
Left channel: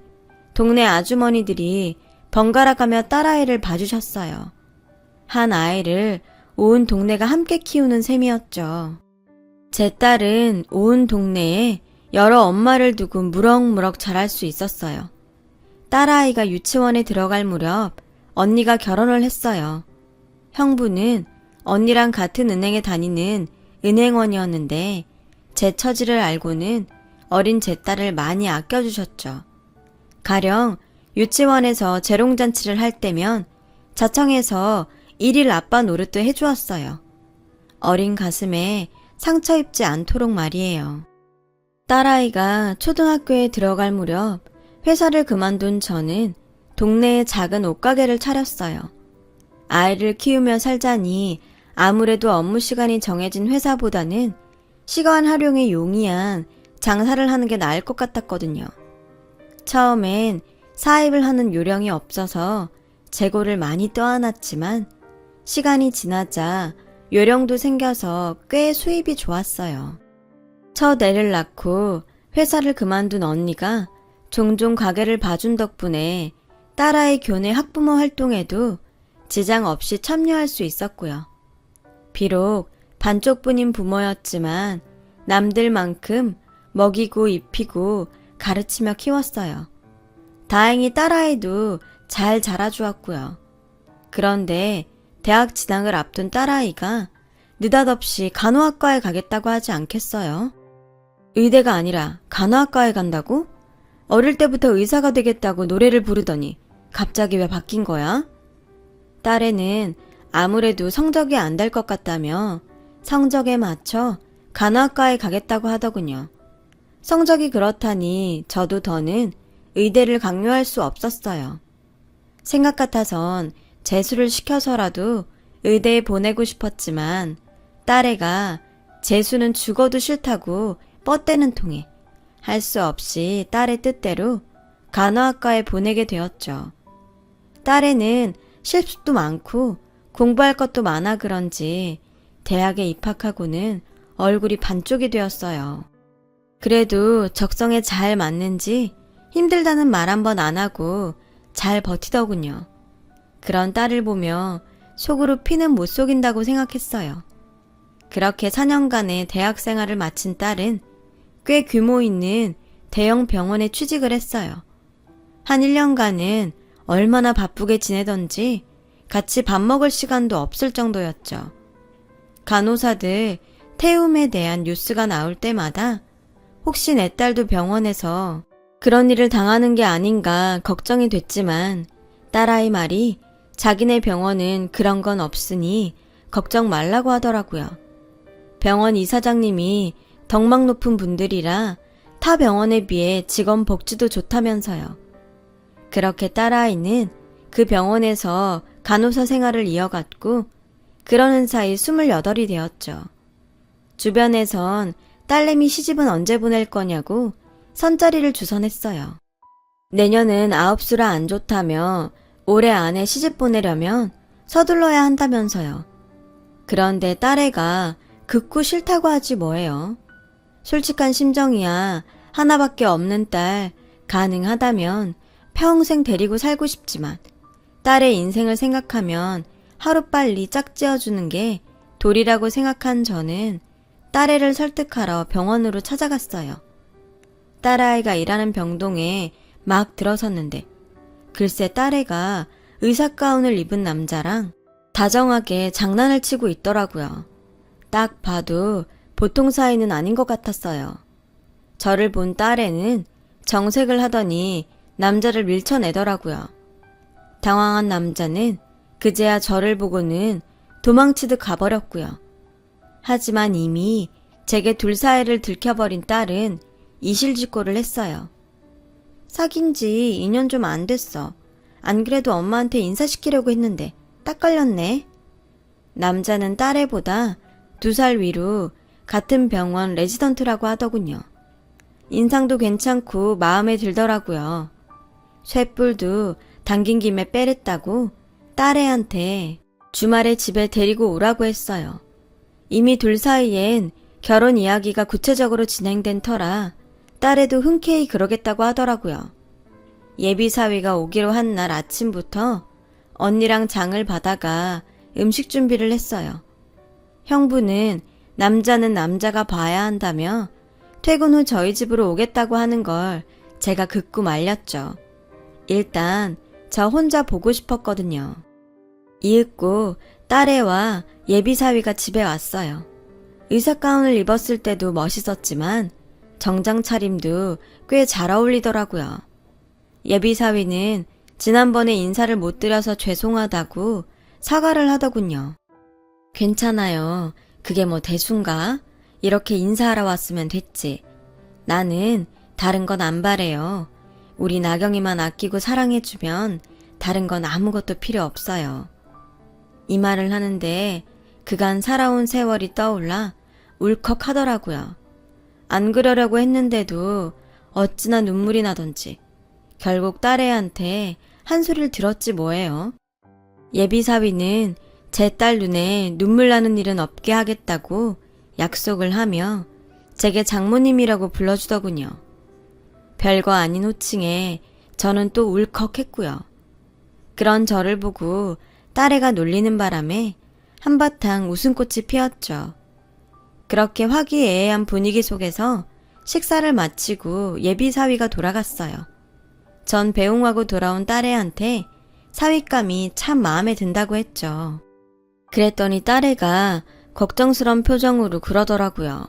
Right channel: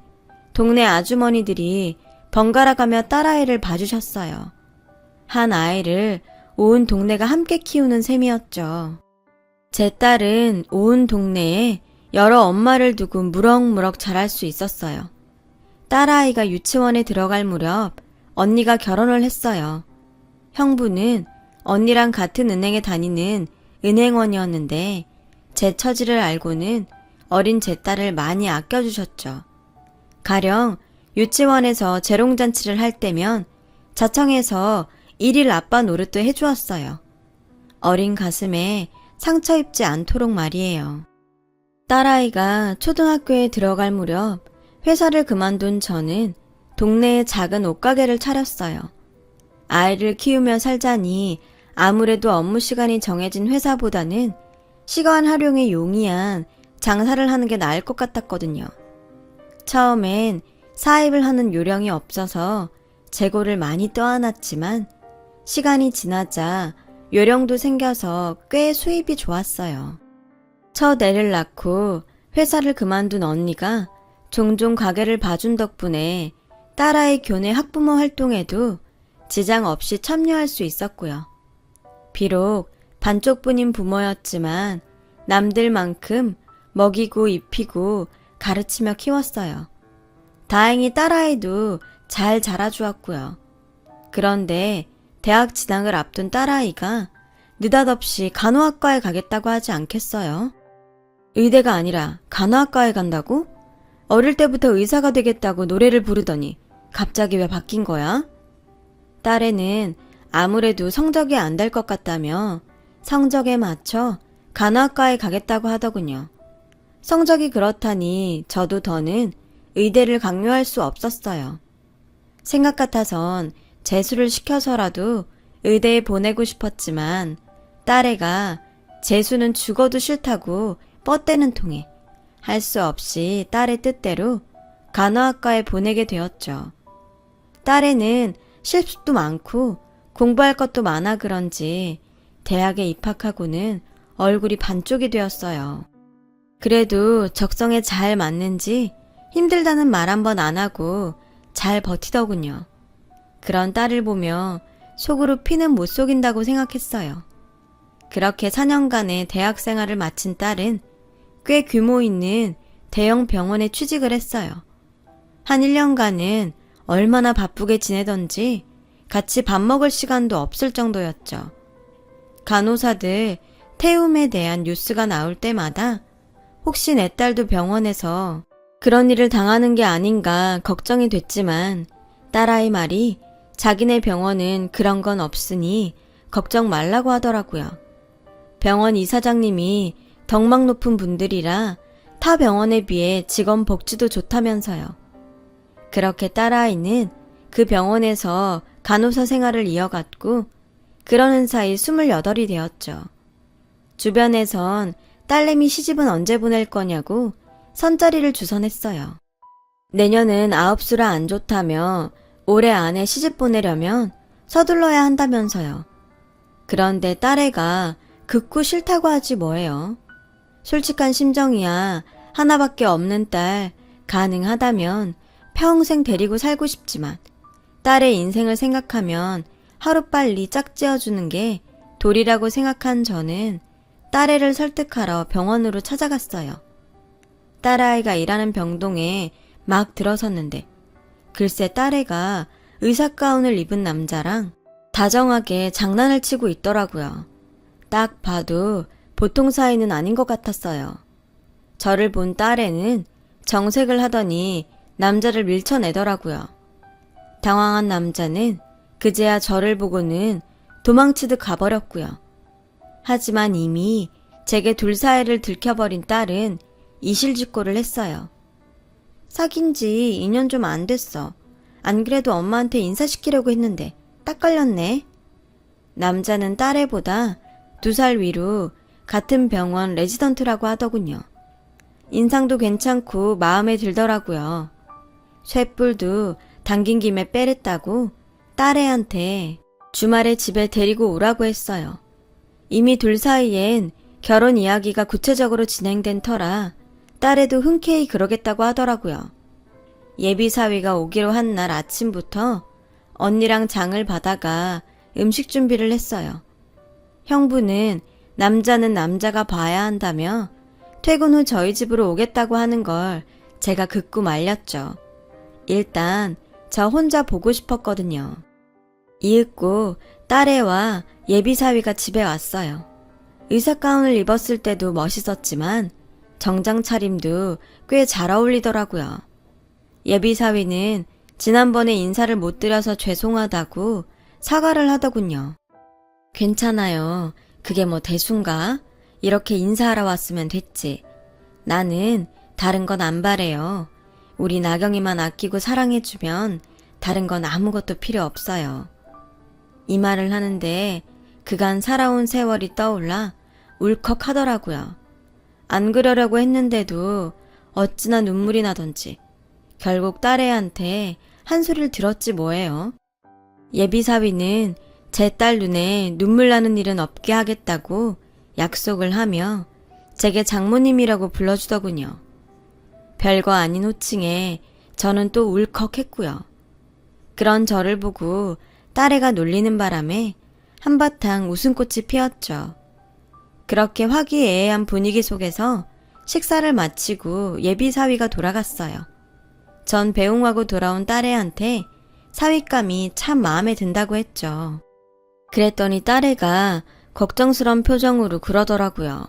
동네 아주머니들이 번갈아가며 딸아이를 봐주셨어요. 한 아이를 온 동네가 함께 키우는 셈이었죠. 제 딸은 온 동네에 여러 엄마를 두고 무럭무럭 자랄 수 있었어요. 딸아이가 유치원에 들어갈 무렵 언니가 결혼을 했어요. 형부는 언니랑 같은 은행에 다니는 은행원이었는데 제 처지를 알고는 어린 제 딸을 많이 아껴주셨죠. 가령 유치원에서 재롱잔치를 할 때면 자청해서 일일 아빠 노릇도 해주었어요. 어린 가슴에 상처 입지 않도록 말이에요. 딸아이가 초등학교에 들어갈 무렵 회사를 그만둔 저는 동네에 작은 옷가게를 차렸어요. 아이를 키우며 살자니 아무래도 업무 시간이 정해진 회사보다는 시간 활용이 용이한 장사를 하는 게 나을 것 같았거든요. 처음엔 사입을 하는 요령이 없어서 재고를 많이 떠안았지만 시간이 지나자 요령도 생겨서 꽤 수입이 좋았어요. 첫 애를 낳고 회사를 그만둔 언니가 종종 가게를 봐준 덕분에 딸아이 교내 학부모 활동에도 지장 없이 참여할 수 있었고요. 비록 반쪽뿐인 부모였지만 남들만큼 먹이고 입히고 가르치며 키웠어요. 다행히 딸아이도 잘 자라주었고요. 그런데 대학 진학을 앞둔 딸아이가 느닷없이 간호학과에 가겠다고 하지 않겠어요? 의대가 아니라 간호학과에 간다고? 어릴 때부터 의사가 되겠다고 노래를 부르더니 갑자기 왜 바뀐 거야? 딸애는 아무래도 성적이 안 될 것 같다며 성적에 맞춰 간호학과에 가겠다고 하더군요. 성적이 그렇다니 저도 더는 의대를 강요할 수 없었어요. 생각 같아선 재수를 시켜서라도 의대에 보내고 싶었지만 딸애가 재수는 죽어도 싫다고 뻗대는 통에 할 수 없이 딸의 뜻대로 간호학과에 보내게 되었죠. 딸애는 실습도 많고 공부할 것도 많아 그런지 대학에 입학하고는 얼굴이 반쪽이 되었어요. 그래도 적성에 잘 맞는지 힘들다는 말 한 번 안 하고 잘 버티더군요. 그런 딸을 보며 속으로 피는 못 속인다고 생각했어요. 그렇게 4년간의 대학 생활을 마친 딸은 꽤 규모 있는 대형 병원에 취직을 했어요. 한 1년간은 얼마나 바쁘게 지내던지 같이 밥 먹을 시간도 없을 정도였죠. 간호사들 태움에 대한 뉴스가 나올 때마다 혹시 내 딸도 병원에서 그런 일을 당하는 게 아닌가 걱정이 됐지만 딸아이 말이 자기네 병원은 그런 건 없으니 걱정 말라고 하더라고요. 병원 이사장님이 덕망 높은 분들이라 타 병원에 비해 직원 복지도 좋다면서요. 그렇게 딸아이는 그 병원에서 간호사 생활을 이어갔고 그러는 사이 28이 되었죠. 주변에선 딸내미 시집은 언제 보낼 거냐고 선자리를 주선했어요. 내년은 아홉수라 안 좋다며 올해 안에 시집 보내려면 서둘러야 한다면서요. 그런데 딸애가 극구 싫다고 하지 뭐예요. 솔직한 심정이야. 하나밖에 없는 딸 가능하다면 평생 데리고 살고 싶지만 딸의 인생을 생각하면 하루빨리 짝지어주는 게 도리라고 생각한 저는 딸애를 설득하러 병원으로 찾아갔어요. 딸아이가 일하는 병동에 막 들어섰는데 글쎄 딸애가 의사 가운을 입은 남자랑 다정하게 장난을 치고 있더라고요. 딱 봐도 보통 사이는 아닌 것 같았어요. 저를 본 딸애는 정색을 하더니 남자를 밀쳐내더라고요. 당황한 남자는 그제야 저를 보고는 도망치듯 가버렸고요. 하지만 이미 제게 둘 사이를 들켜버린 딸은 이실직고를 했어요. 사귄 지 2년 좀 안 됐어. 안 그래도 엄마한테 인사시키려고 했는데 딱 걸렸네. 남자는 딸애보다 2살 위로 같은 병원 레지던트라고 하더군요. 인상도 괜찮고 마음에 들더라고요. 쇳불도 당긴 김에 빼랬다고 딸애한테 주말에 집에 데리고 오라고 했어요. 이미 둘 사이엔 결혼 이야기가 구체적으로 진행된 터라 딸애도 흔쾌히 그러겠다고 하더라고요. 예비사위가 오기로 한 날 아침부터 언니랑 장을 봐다가 음식 준비를 했어요. 형부는 남자는 남자가 봐야 한다며 퇴근 후 저희 집으로 오겠다고 하는 걸 제가 극구 말렸죠. 일단 저 혼자 보고 싶었거든요. 이윽고 딸애와 예비사위가 집에 왔어요. 의사 가운을 입었을 때도 멋있었지만 정장 차림도 꽤 잘 어울리더라고요. 예비사위는 지난번에 인사를 못 드려서 죄송하다고 사과를 하더군요. 괜찮아요. 그게 뭐 대수인가? 이렇게 인사하러 왔으면 됐지. 나는 다른 건 안 바래요. 우리 나경이만 아끼고 사랑해주면 다른 건 아무것도 필요 없어요. 이 말을 하는데 그간 살아온 세월이 떠올라 울컥하더라고요. 안 그러려고 했는데도 어찌나 눈물이 나던지 결국 딸애한테 한 소리를 들었지 뭐예요. 예비사위는 제 딸 눈에 눈물 나는 일은 없게 하겠다고 약속을 하며 제게 장모님이라고 불러주더군요. 별거 아닌 호칭에 저는 또 울컥했고요. 그런 저를 보고 딸애가 놀리는 바람에 한바탕 웃음꽃이 피었죠. 그렇게 화기애애한 분위기 속에서 식사를 마치고 예비사위가 돌아갔어요. 전 배웅하고 돌아온 딸애한테 사윗감이 참 마음에 든다고 했죠. 그랬더니 딸애가 걱정스러운 표정으로 그러더라고요.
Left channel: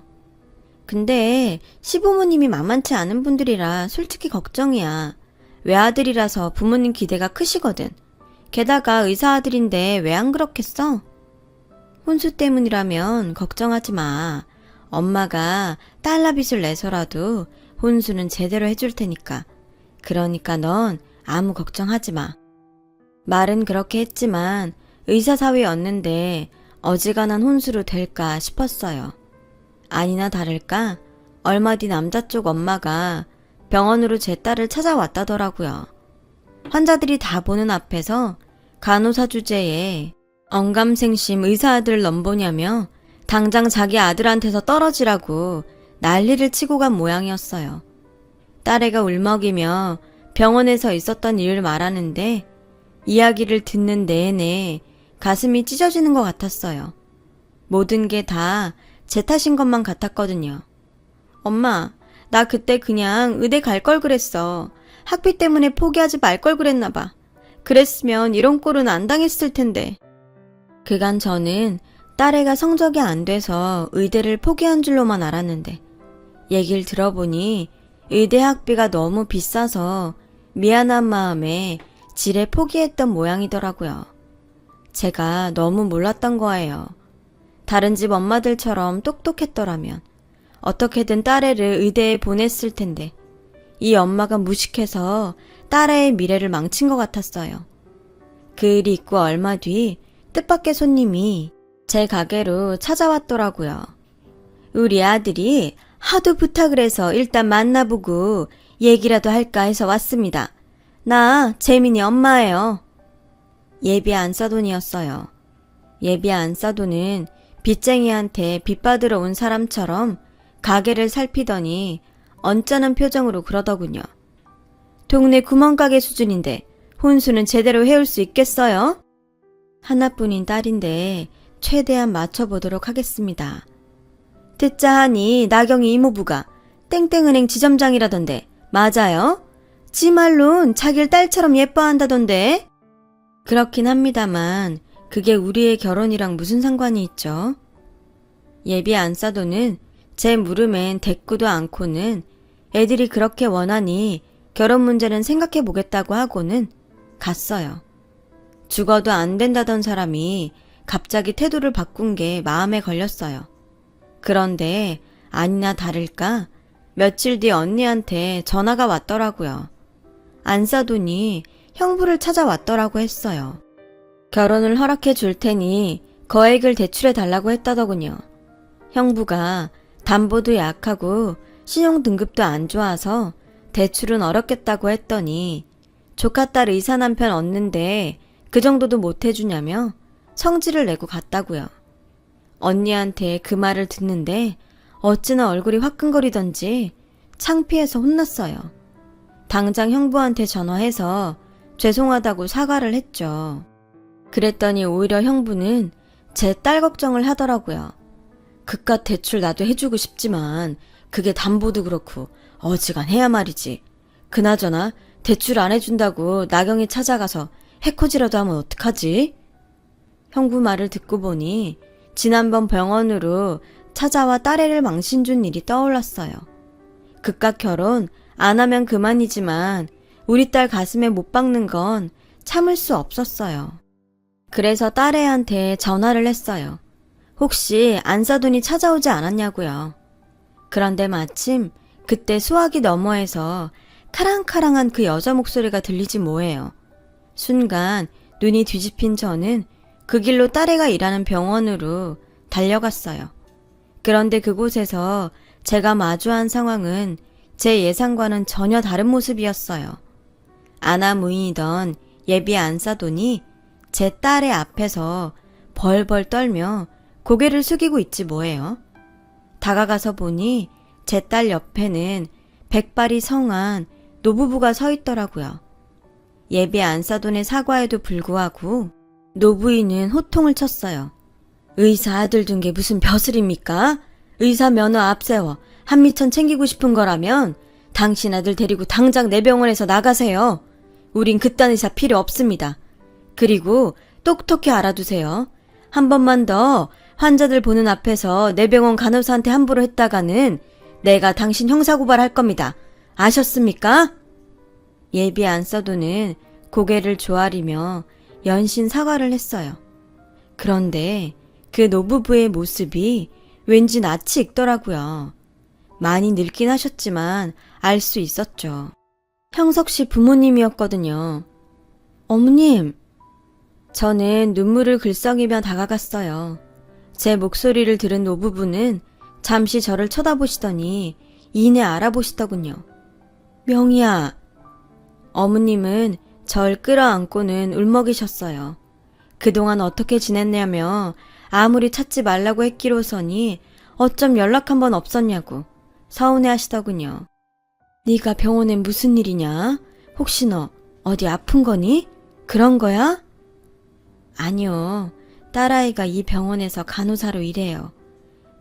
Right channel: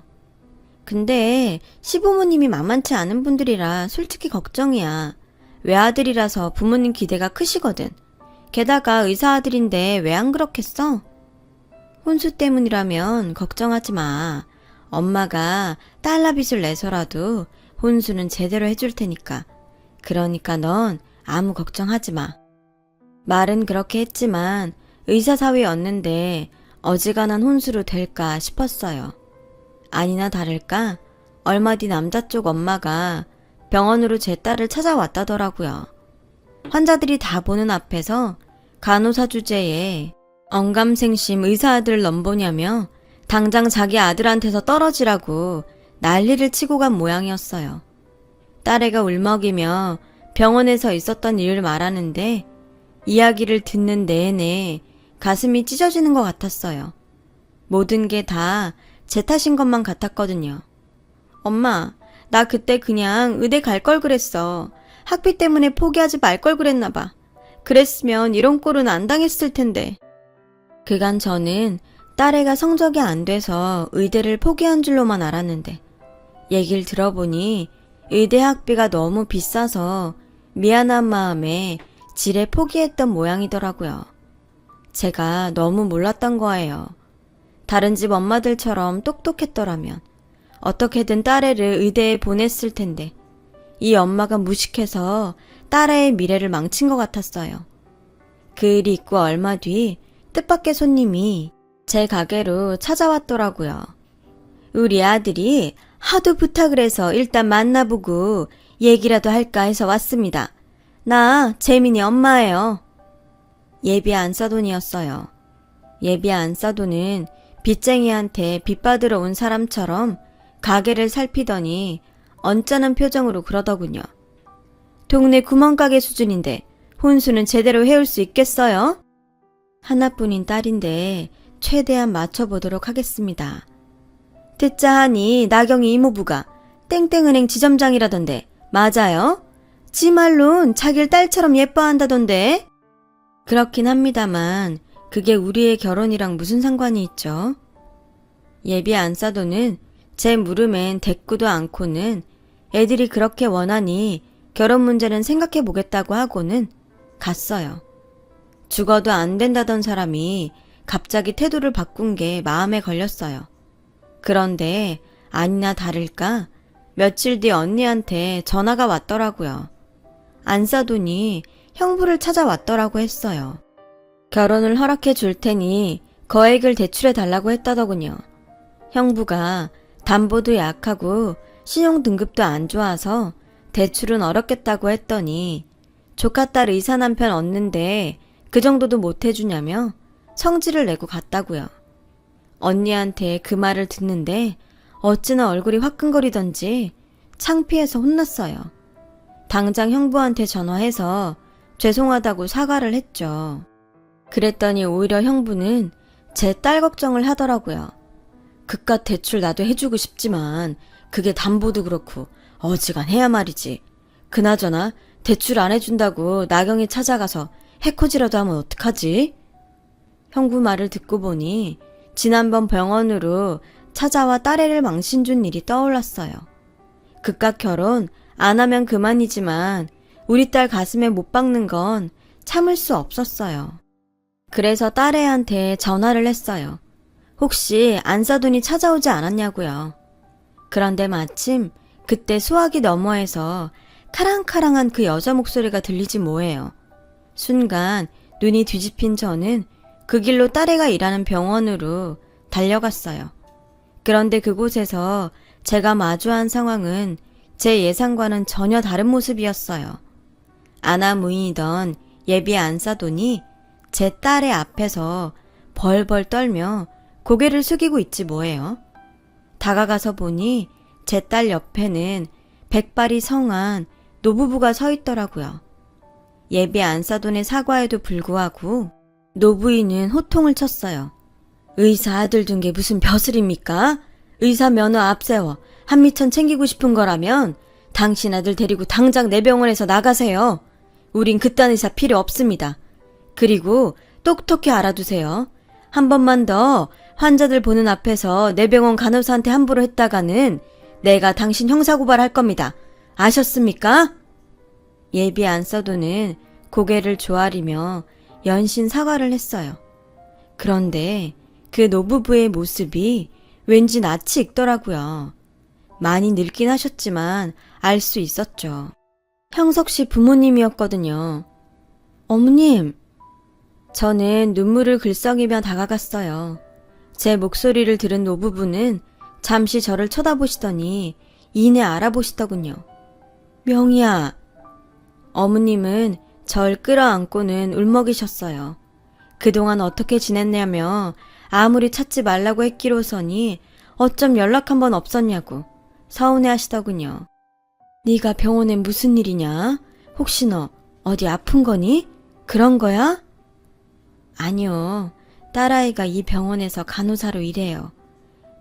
근데 시부모님이 만만치 않은 분들이라 솔직히 걱정이야. 외아들이라서 부모님 기대가 크시거든. 게다가 의사 아들인데 왜 안 그렇겠어? 혼수 때문이라면 걱정하지 마. 엄마가 달러빚을 내서라도 혼수는 제대로 해줄 테니까. 그러니까 넌 아무 걱정하지 마. 말은 그렇게 했지만 의사사위였는데 어지간한 혼수로 될까 싶었어요. 아니나 다를까 얼마 뒤 남자 쪽 엄마가 병원으로 제 딸을 찾아왔다더라고요. 환자들이 다 보는 앞에서 간호사 주제에 언감생심 의사 아들 넘보냐며 당장 자기 아들한테서 떨어지라고 난리를 치고 간 모양이었어요. 딸애가 울먹이며 병원에서 있었던 일을 말하는데 이야기를 듣는 내내 가슴이 찢어지는 것 같았어요. 모든 게 다 제 탓인 것만 같았거든요. 엄마, 나 그때 그냥 의대 갈 걸 그랬어. 학비 때문에 포기하지 말 걸 그랬나 봐. 그랬으면 이런 꼴은 안 당했을 텐데. 그간 저는 딸애가 성적이 안 돼서 의대를 포기한 줄로만 알았는데 얘기를 들어보니 의대 학비가 너무 비싸서 미안한 마음에 지레 포기했던 모양이더라고요. 제가 너무 몰랐던 거예요. 다른 집 엄마들처럼 똑똑했더라면 어떻게든 딸애를 의대에 보냈을 텐데 이 엄마가 무식해서 딸애의 미래를 망친 것 같았어요. 그 일이 있고 얼마 뒤 뜻밖의 손님이 제 가게로 찾아왔더라고요. 우리 아들이 하도 부탁을 해서 일단 만나보고 얘기라도 할까 해서 왔습니다. 나 재민이 엄마예요. 예비 안사돈이었어요. 예비 안사돈은 빚쟁이한테 빚 받으러 온 사람처럼 가게를 살피더니 언짢은 표정으로 그러더군요. 동네 구멍가게 수준인데 혼수는 제대로 해올 수 있겠어요? 하나뿐인 딸인데 최대한 맞춰보도록 하겠습니다. 듣자 하니 나경이 이모부가 땡땡은행 지점장이라던데 맞아요? 지 말론 자길 딸처럼 예뻐한다던데? 그렇긴 합니다만 그게 우리의 결혼이랑 무슨 상관이 있죠? 예비 안사돈은 제 물음엔 대꾸도 않고는 애들이 그렇게 원하니 결혼 문제는 생각해보겠다고 하고는 갔어요. 죽어도 안 된다던 사람이 갑자기 태도를 바꾼 게 마음에 걸렸어요. 그런데 아니나 다를까 며칠 뒤 언니한테 전화가 왔더라고요. 안사돈이 형부를 찾아왔더라고 했어요. 결혼을 허락해 줄 테니 거액을 대출해 달라고 했다더군요. 형부가 담보도 약하고 신용 등급도 안 좋아서 대출은 어렵겠다고 했더니 조카딸 의사 남편 얻는데 그 정도도 못 해주냐며 성질을 내고 갔다고요. 언니한테 그 말을 듣는데 어찌나 얼굴이 화끈거리던지 창피해서 혼났어요. 당장 형부한테 전화해서 죄송하다고 사과를 했죠. 그랬더니 오히려 형부는 제 딸 걱정을 하더라고요. 그깟 대출 나도 해주고 싶지만 그게 담보도 그렇고 어지간해야 말이지. 그나저나 대출 안 해준다고 나경이 찾아가서 해코지라도 하면 어떡하지? 형부 말을 듣고 보니 지난번 병원으로 찾아와 딸애를 망신 준 일이 떠올랐어요. 그깟 결혼 안 하면 그만이지만 우리 딸 가슴에 못 박는 건 참을 수 없었어요. 그래서 딸애한테 전화를 했어요. 혹시 안사돈이 찾아오지 않았냐고요. 그런데 마침 그때 수화기 너머에서 카랑카랑한 그 여자 목소리가 들리지 뭐예요. 순간 눈이 뒤집힌 저는 그 길로 딸애가 일하는 병원으로 달려갔어요. 그런데 그곳에서 제가 마주한 상황은 제 예상과는 전혀 다른 모습이었어요. 아나무인이던 예비 안사돈이 제 딸의 앞에서 벌벌 떨며 고개를 숙이고 있지 뭐예요. 다가가서 보니 제 딸 옆에는 백발이 성한 노부부가 서 있더라고요. 예비 안사돈의 사과에도 불구하고 노부인은 호통을 쳤어요. 의사 아들 둔 게 무슨 벼슬입니까? 의사 면허 앞세워 한미천 챙기고 싶은 거라면 당신 아들 데리고 당장 내 병원에서 나가세요. 우린 그딴 의사 필요 없습니다. 그리고 똑똑히 알아두세요. 한 번만 더 환자들 보는 앞에서 내 병원 간호사한테 함부로 했다가는 내가 당신 형사고발할 겁니다. 아셨습니까? 예비 안사돈은 고개를 조아리며 연신 사과를 했어요. 그런데 그 노부부의 모습이 왠지 낯이 익더라고요. 많이 늙긴 하셨지만 알 수 있었죠. 형석 씨 부모님이었거든요. 어머님! 저는 눈물을 글썽이며 다가갔어요. 제 목소리를 들은 노부부는 잠시 저를 쳐다보시더니 이내 알아보시더군요. 명희야. 어머님은 절 끌어안고는 울먹이셨어요. 그동안 어떻게 지냈냐며 아무리 찾지 말라고 했기로서니 어쩜 연락 한 번 없었냐고 서운해하시더군요. 네가 병원에 무슨 일이냐? 혹시 너 어디 아픈 거니? 그런 거야? 아니요. 딸아이가 이 병원에서 간호사로 일해요.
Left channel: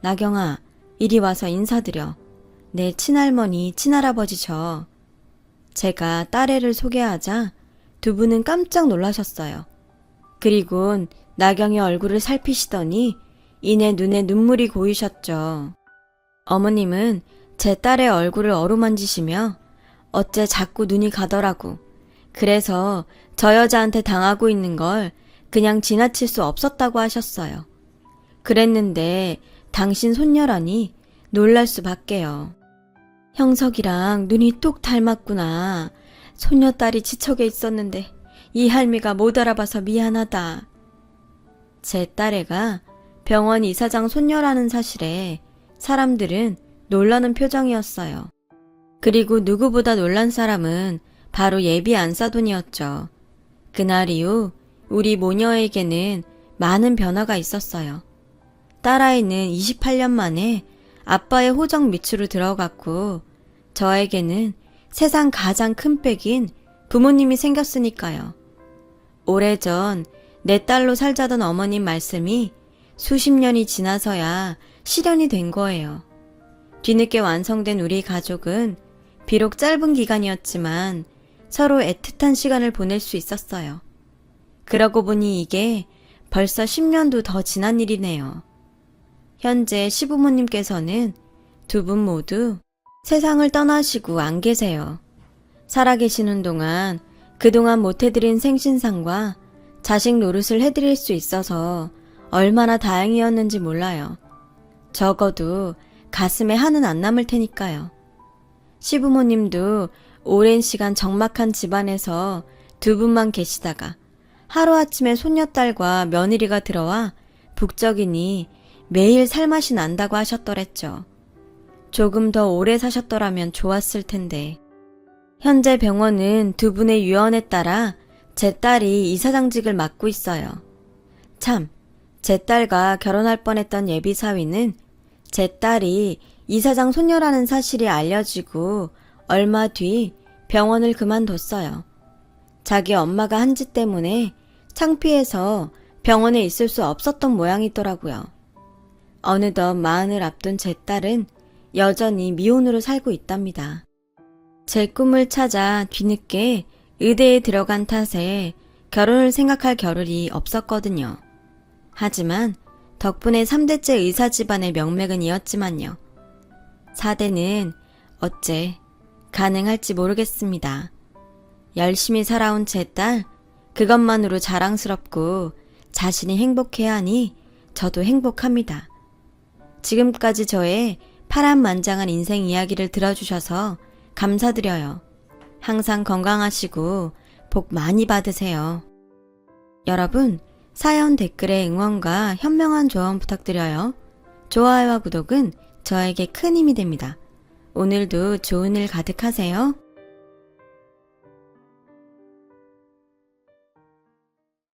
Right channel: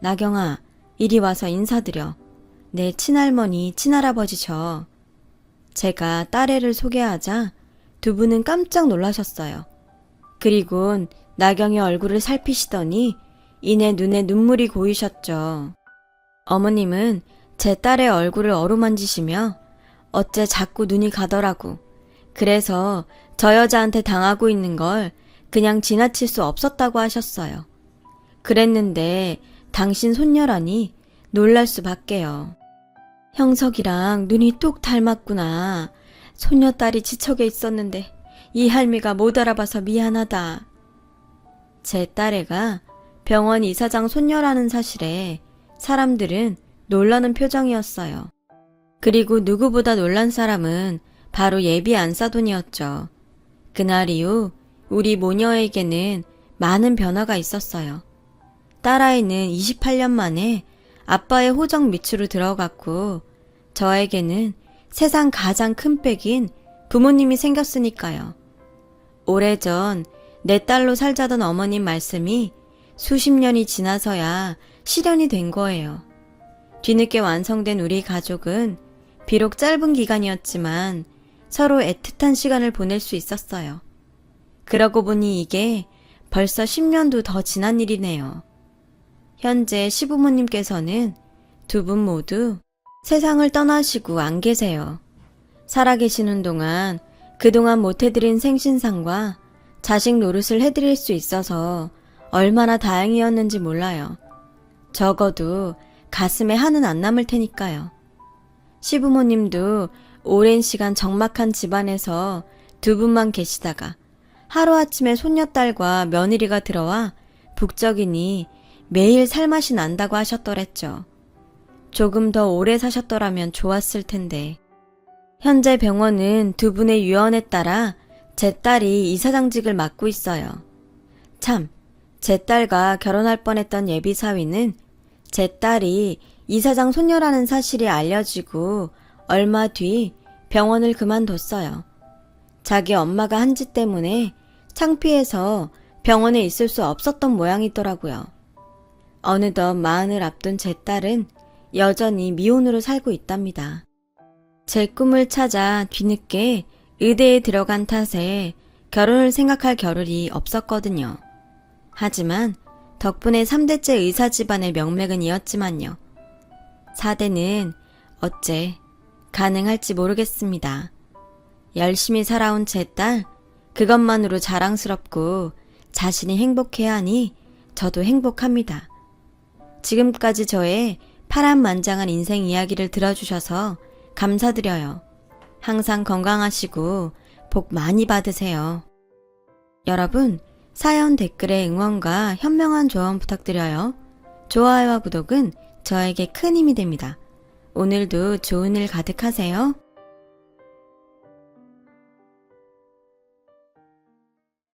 나경아, 이리 와서 인사드려. 내 친할머니, 친할아버지죠. 제가 딸애를 소개하자 두 분은 깜짝 놀라셨어요. 그리곤 나경의 얼굴을 살피시더니 이내 눈에 눈물이 고이셨죠. 어머님은 제 딸의 얼굴을 어루만지시며 어째 자꾸 눈이 가더라고. 그래서 저 여자한테 당하고 있는 걸 그냥 지나칠 수 없었다고 하셨어요. 그랬는데 당신 손녀라니 놀랄 수밖에요. 형석이랑 눈이 뚝 닮았구나. 손녀딸이 지척에 있었는데 이 할미가 못 알아봐서 미안하다. 제 딸애가 병원 이사장 손녀라는 사실에 사람들은 놀라는 표정이었어요. 그리고 누구보다 놀란 사람은 바로 예비 안사돈이었죠. 그날 이후 우리 모녀에게는 많은 변화가 있었어요. 딸아이는 28년 만에 아빠의 호적 밑으로 들어갔고 저에게는 세상 가장 큰 빽인 부모님이 생겼으니까요. 오래전 내 딸로 살자던 어머님 말씀이 수십 년이 지나서야 실현이 된 거예요. 뒤늦게 완성된 우리 가족은 비록 짧은 기간이었지만 서로 애틋한 시간을 보낼 수 있었어요. 그러고 보니 이게 벌써 10년도 더 지난 일이네요. 현재 시부모님께서는 두 분 모두 세상을 떠나시고 안 계세요. 살아계시는 동안 그동안 못해드린 생신상과 자식 노릇을 해드릴 수 있어서 얼마나 다행이었는지 몰라요. 적어도 가슴에 한은 안 남을 테니까요. 시부모님도 오랜 시간 적막한 집안에서 두 분만 계시다가 하루아침에 손녀딸과 며느리가 들어와 북적이니 매일 살맛이 난다고 하셨더랬죠. 조금 더 오래 사셨더라면 좋았을 텐데. 현재 병원은 두 분의 유언에 따라 제 딸이 이사장직을 맡고 있어요. 참, 제 딸과 결혼할 뻔했던 예비사위는 제 딸이 이사장 손녀라는 사실이 알려지고 얼마 뒤 병원을 그만뒀어요. 자기 엄마가 한 짓 때문에 창피해서 병원에 있을 수 없었던 모양이더라고요. 어느덧 마흔을 앞둔 제 딸은 여전히 미혼으로 살고 있답니다. 제 꿈을 찾아 뒤늦게 의대에 들어간 탓에 결혼을 생각할 겨를이 없었거든요. 하지만 덕분에 3대째 의사 집안의 명맥은 이었지만요. 4대는 어째 가능할지 모르겠습니다. 열심히 살아온 제 딸, 그것만으로 자랑스럽고 자신이 행복해야 하니 저도 행복합니다. 지금까지 저의 파란만장한 인생 이야기를 들어주셔서 감사드려요. 항상 건강하시고 복 많이 받으세요. 여러분, 사연 댓글에 응원과 현명한 조언 부탁드려요. 좋아요와 구독은 저에게 큰 힘이 됩니다. 오늘도 좋은 일 가득하세요.